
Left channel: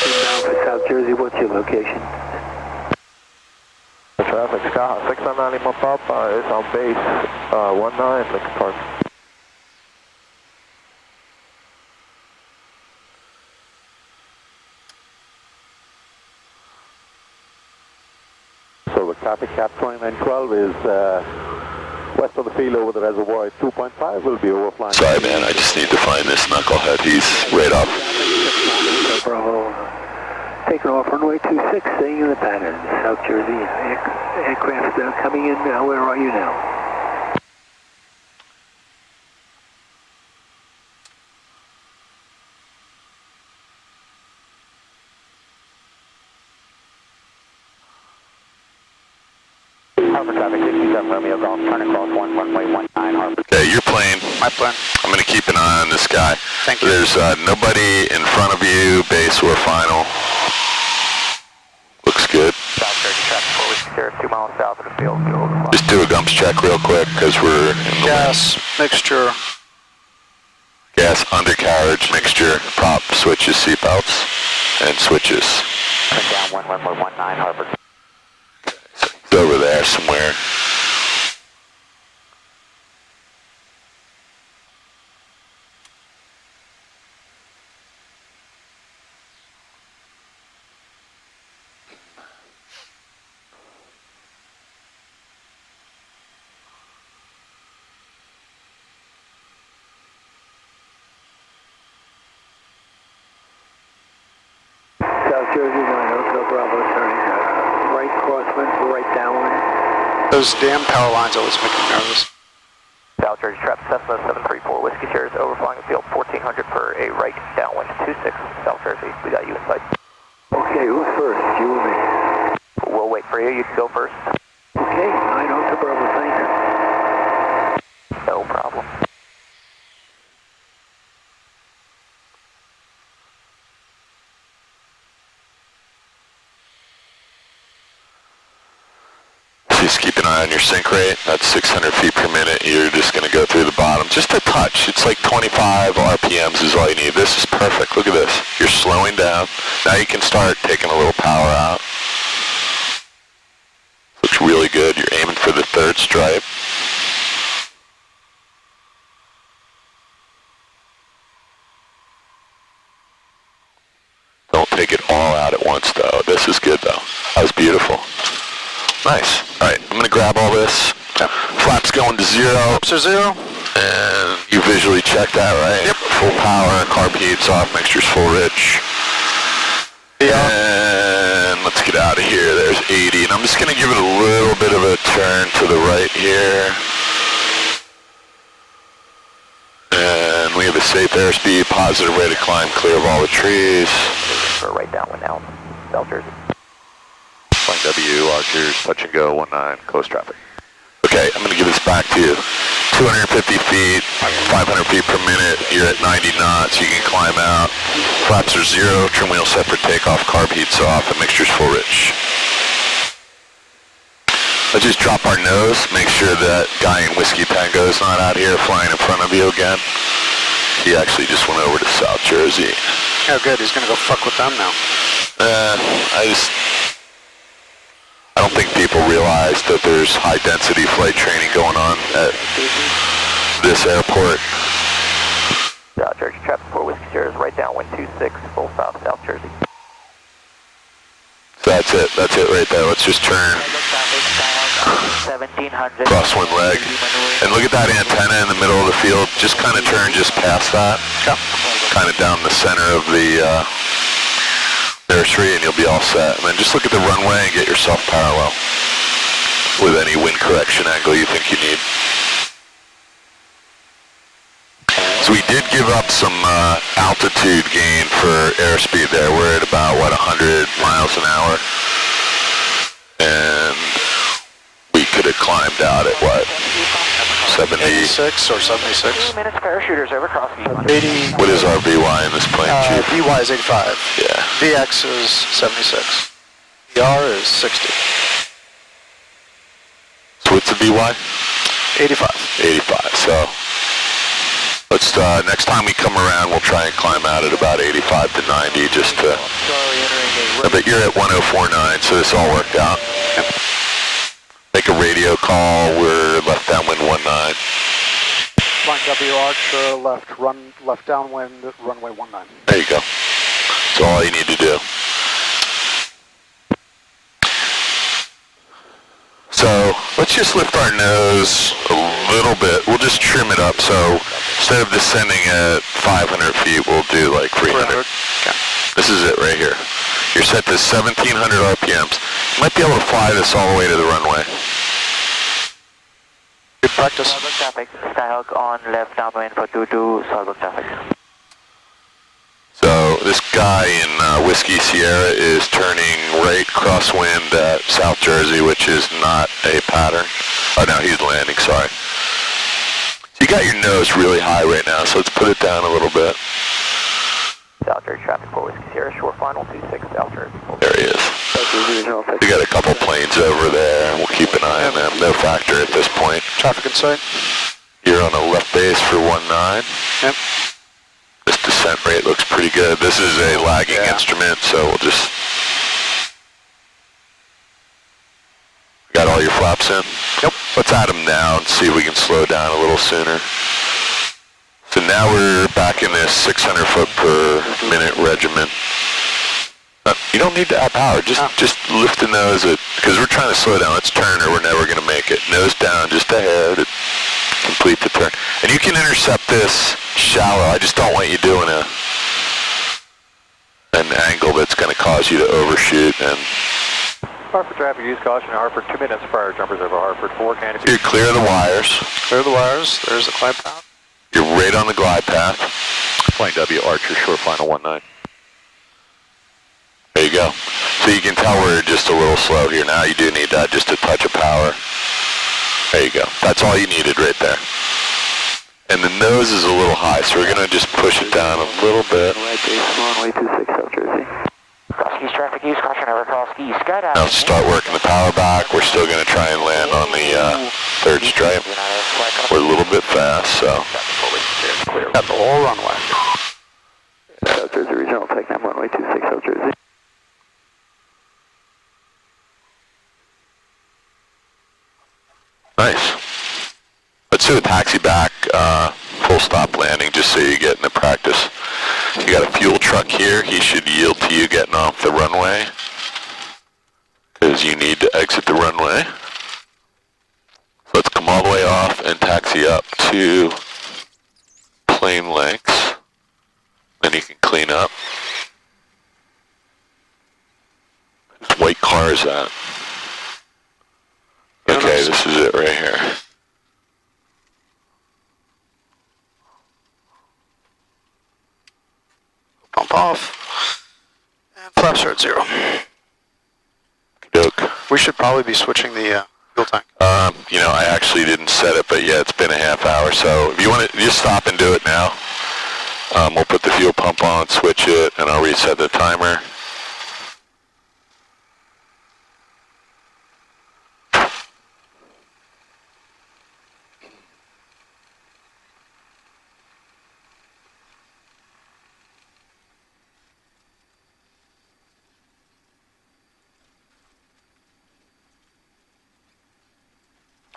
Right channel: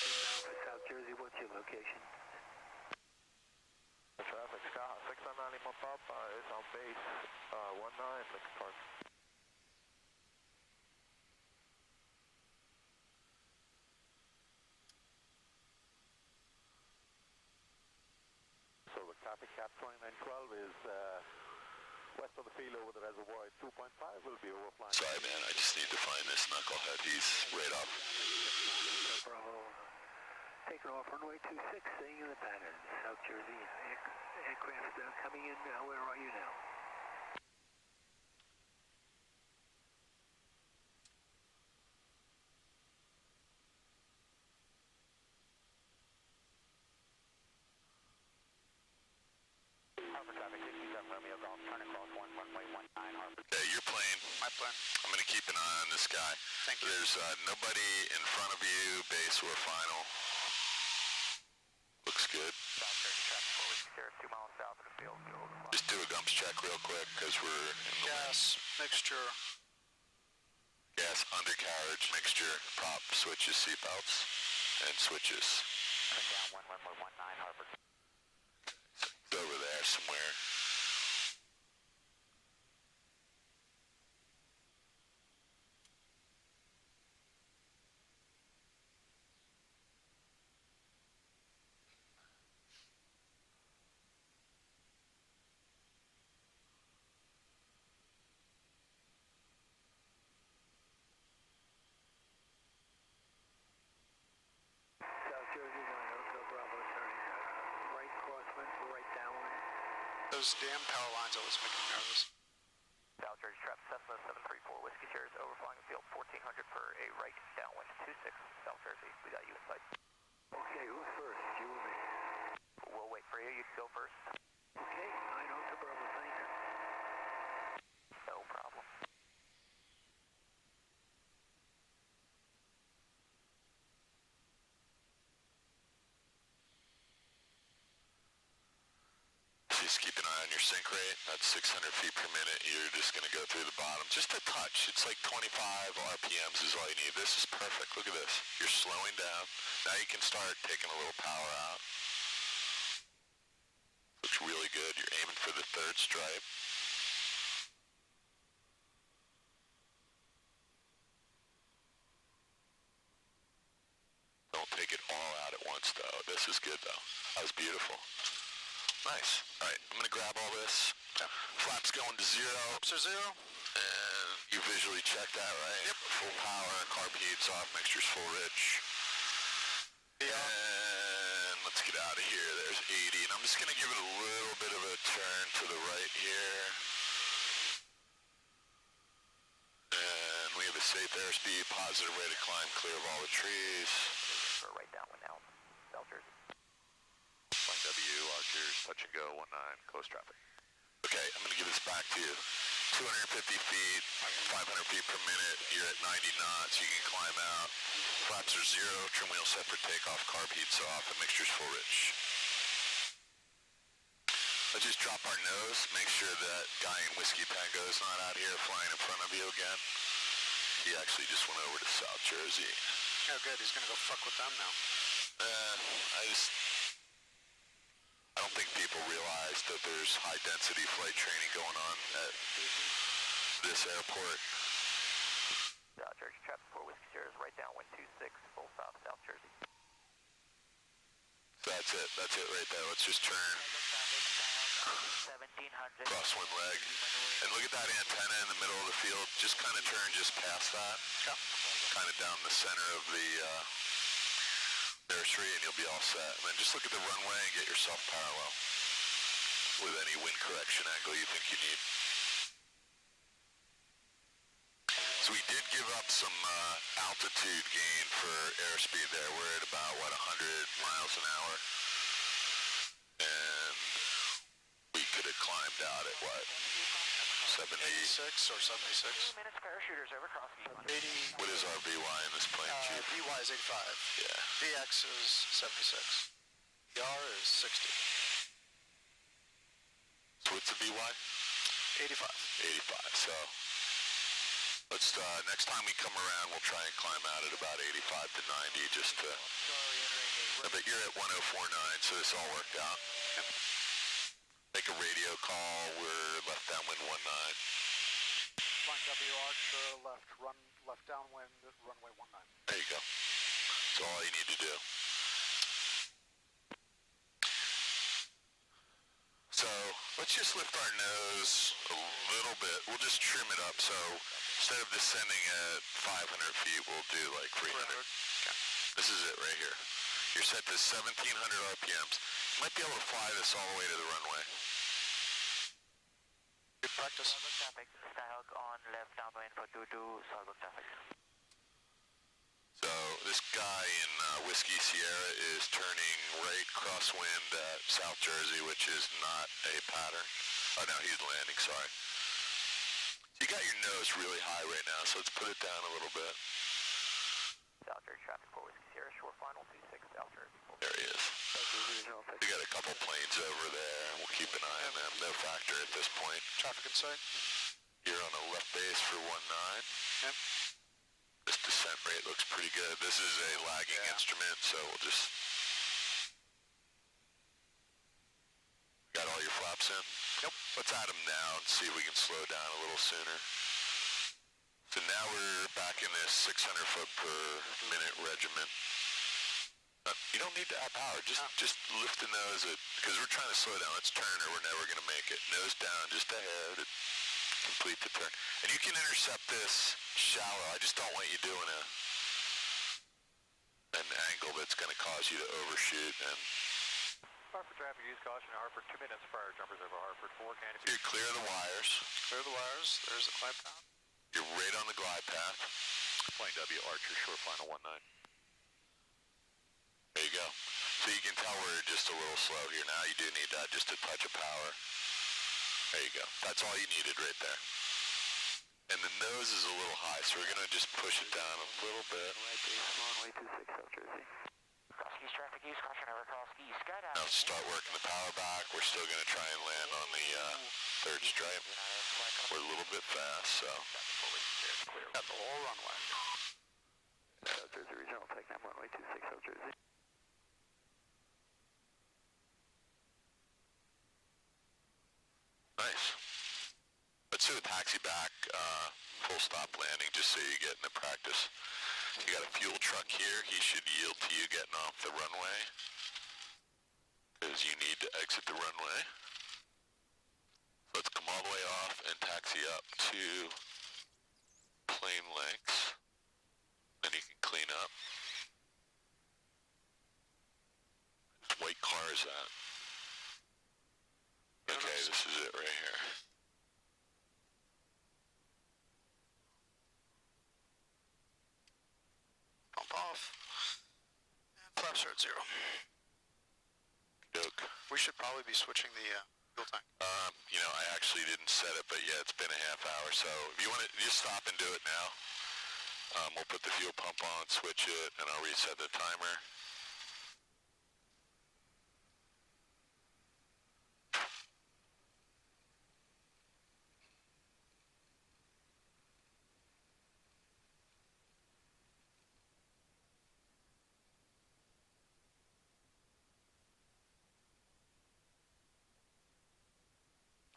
for South Jersey, what's your location? The traffic, Sky 699 Lima Papa is on base 19 Lincoln Park. So the traffic cap 2912 is west of the field over the reservoir. 2.5 will be overflying. Sorry, man, I just need to find this knucklehead. He's right off. Bravo. Taking off runway 26, staying in the pattern. South Jersey aircraft coming in. Where are you now? Harper traffic, 67 Romeo Golf, turn across runway 19 Harper. Okay, your plane. My plane. I'm going to keep an eye on this guy. Thank you. There's nobody in front of you, base or final. Looks good. South Jersey traffic, 4 Whiskey Sierra, 2 miles south of the field, go over. Just do a gumps check real quick because we're in the Gas mixture. gas undercarriage mixture, prop switches, seatbelts, and switches. Turn down runway 19 Harper. It's over there somewhere. South Jersey 9 Hotel Bravo, turning right crosswind, right downwind. Those damn power lines always make me nervous. South Jersey traffic, Cessna 734 Whiskey Sierra is overflying the field, 1400 for a right downwind 26 South Jersey. We got you in sight. Okay, who's first? You or me? We'll wait for you. You can go first. Okay, 9 Hotel Bravo, thanks. No problem. Just keep an eye on your sink rate. That's 600 feet per minute. You're just going to go through the bottom. Just a touch. It's like 25 RPMs is all you need. This is perfect. Look at this. You're slowing down. Now you can start taking a little power out. Looks really good. You're aiming for the third stripe. Don't take it all out at once, though. This is good, though. That was beautiful. Nice. All right, I'm going to grab all this. Yep. Flaps going to 0. Ups are 0. And you visually check that, right? Yep. Full power, carb heats off, mixture's full rich. Yeah. And let's get out of here. There's 80. And I'm just going to give it a little bit of a turn to the right here. And we have a safe airspeed, positive rate of climb, clear of all the trees. For a right downwind now, South Jersey. Flying W, Archers, touch and go, 19, close traffic. Okay, I'm going to give this back to you. 250 feet, 500 feet per minute, you're at 90 knots, you can climb out. Flaps are 0, trim wheel set for takeoff, carb heats off, and mixture's full rich. Let's just drop our nose, make sure that guy in Whiskey Tango is not out here flying in front of you again. He actually just went over to South Jersey. Oh good, he's gonna go fuck with them now. I don't think people realize that there's high density flight training going on at this airport. South Jersey traffic 4 Whiskey Sierra is right downwind 26, full south South Jersey. So that's it right there. Let's just turn 1700. crosswind leg. And look at that antenna in the middle of the field. Just kind of turn just past that. Okay. Kind of down the center of the nursery and you'll be all set. And then just look at the runway and get yourself parallel with any wind correction angle you think you need. So we did give up some altitude gain for airspeed there. We're at about, 100 miles an hour? And we could have climbed out at, 70? 86 or 76. 2 minutes parachuters over crossing. 80. What is our VY in this plane, Chief? VY is 85. Yeah. VX is 76. VR is 60. So what's the VY? 85. 85, so let's, next time we come around, we'll try and climb out at about 85 to 90 just to, but you're at 1049, so this all worked out. Make a radio call, we're left downwind 19. Flying W Archer, left downwind, runway 19. There you go. That's all you need to do. So let's just lift our nose a little bit. We'll just trim it up. So instead of descending at 500 feet, we'll do like 300. Okay. This is it right here. You're set to 1700 RPMs. You might be able to fly this all the way to the runway. Good practice. Southbound traffic, Skyhawk on left downwind for 22, southbound traffic. So this guy in Whiskey Sierra is turning right crosswind at South Jersey, which is not a pattern. Oh no, he's landing, sorry. So you got your nose really high right now, so let's put it down a little bit. South Jersey traffic for Whiskey Sierra, short final 26 South Jersey. There he is. We got a couple planes over there, and we'll keep an eye on them. No factor at this point. Traffic in sight. You're on a left base for 19. Yep. This descent rate looks pretty good. This is a lagging instrument, so we'll just... Got all your flaps in? Yep. Let's add them now and see if we can slow down a little sooner. So now we're back in this 600 foot per minute regiment. You don't need to add power, just lift the nose, because we're trying to slow down. Let's turn or we're never going to make it. Nose down just a hair to complete the turn. And you can intercept this shallow. I just don't want you doing an angle that's going to cause you to overshoot. And Hartford traffic, use caution. Hartford, 2 minutes prior, jumpers over Hartford, 4 canopy. You're clear of the wires. Clear the wires. There's the glide path. You're right on the glide path. Flying W Archer, short final 19. There you go. So you can tell we're just a little slow here. Now you do need that, just a touch of power. There you go. That's all you needed right there. And the nose is a little high, so we're going to just push it down a little bit. Runway 26 South Jersey. Cross-keys traffic, use caution over cross-keys. Skydive. Now start working the power back. We're still going to try and land on the third stripe. We're a little bit fast, so. Got the whole runway. South Jersey Regional TechNam, runway 26 South Jersey. Nice. Let's do a taxi back, full stop landing, just so you get into practice. You got a fuel truck here. He should yield to you getting off the runway, because you need to exit the runway. So let's come all the way off and taxi up to plane lengths. Then you can clean up. Whose white car is that? Okay, this is it right here. Pump off. And flaps are at 0. Doke. We should probably be switching the fuel tank. You know, I actually didn't set it, but yeah, it's been a half hour. So if you want to just stop and do it now, we'll put the fuel pump on, switch it, and I'll reset the timer.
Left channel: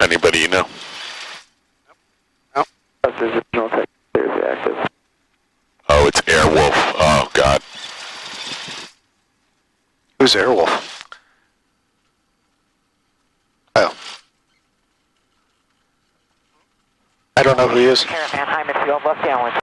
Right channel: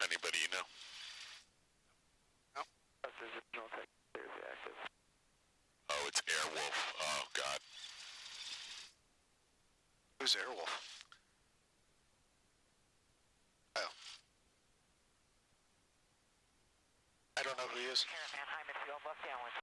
Anybody you know? Nope. South Jersey Regional Tech, Jersey active. Oh, it's Airwolf. Oh, God. Who's Airwolf? Oh. I don't know who he is. Caravan, high midfield, left downwind.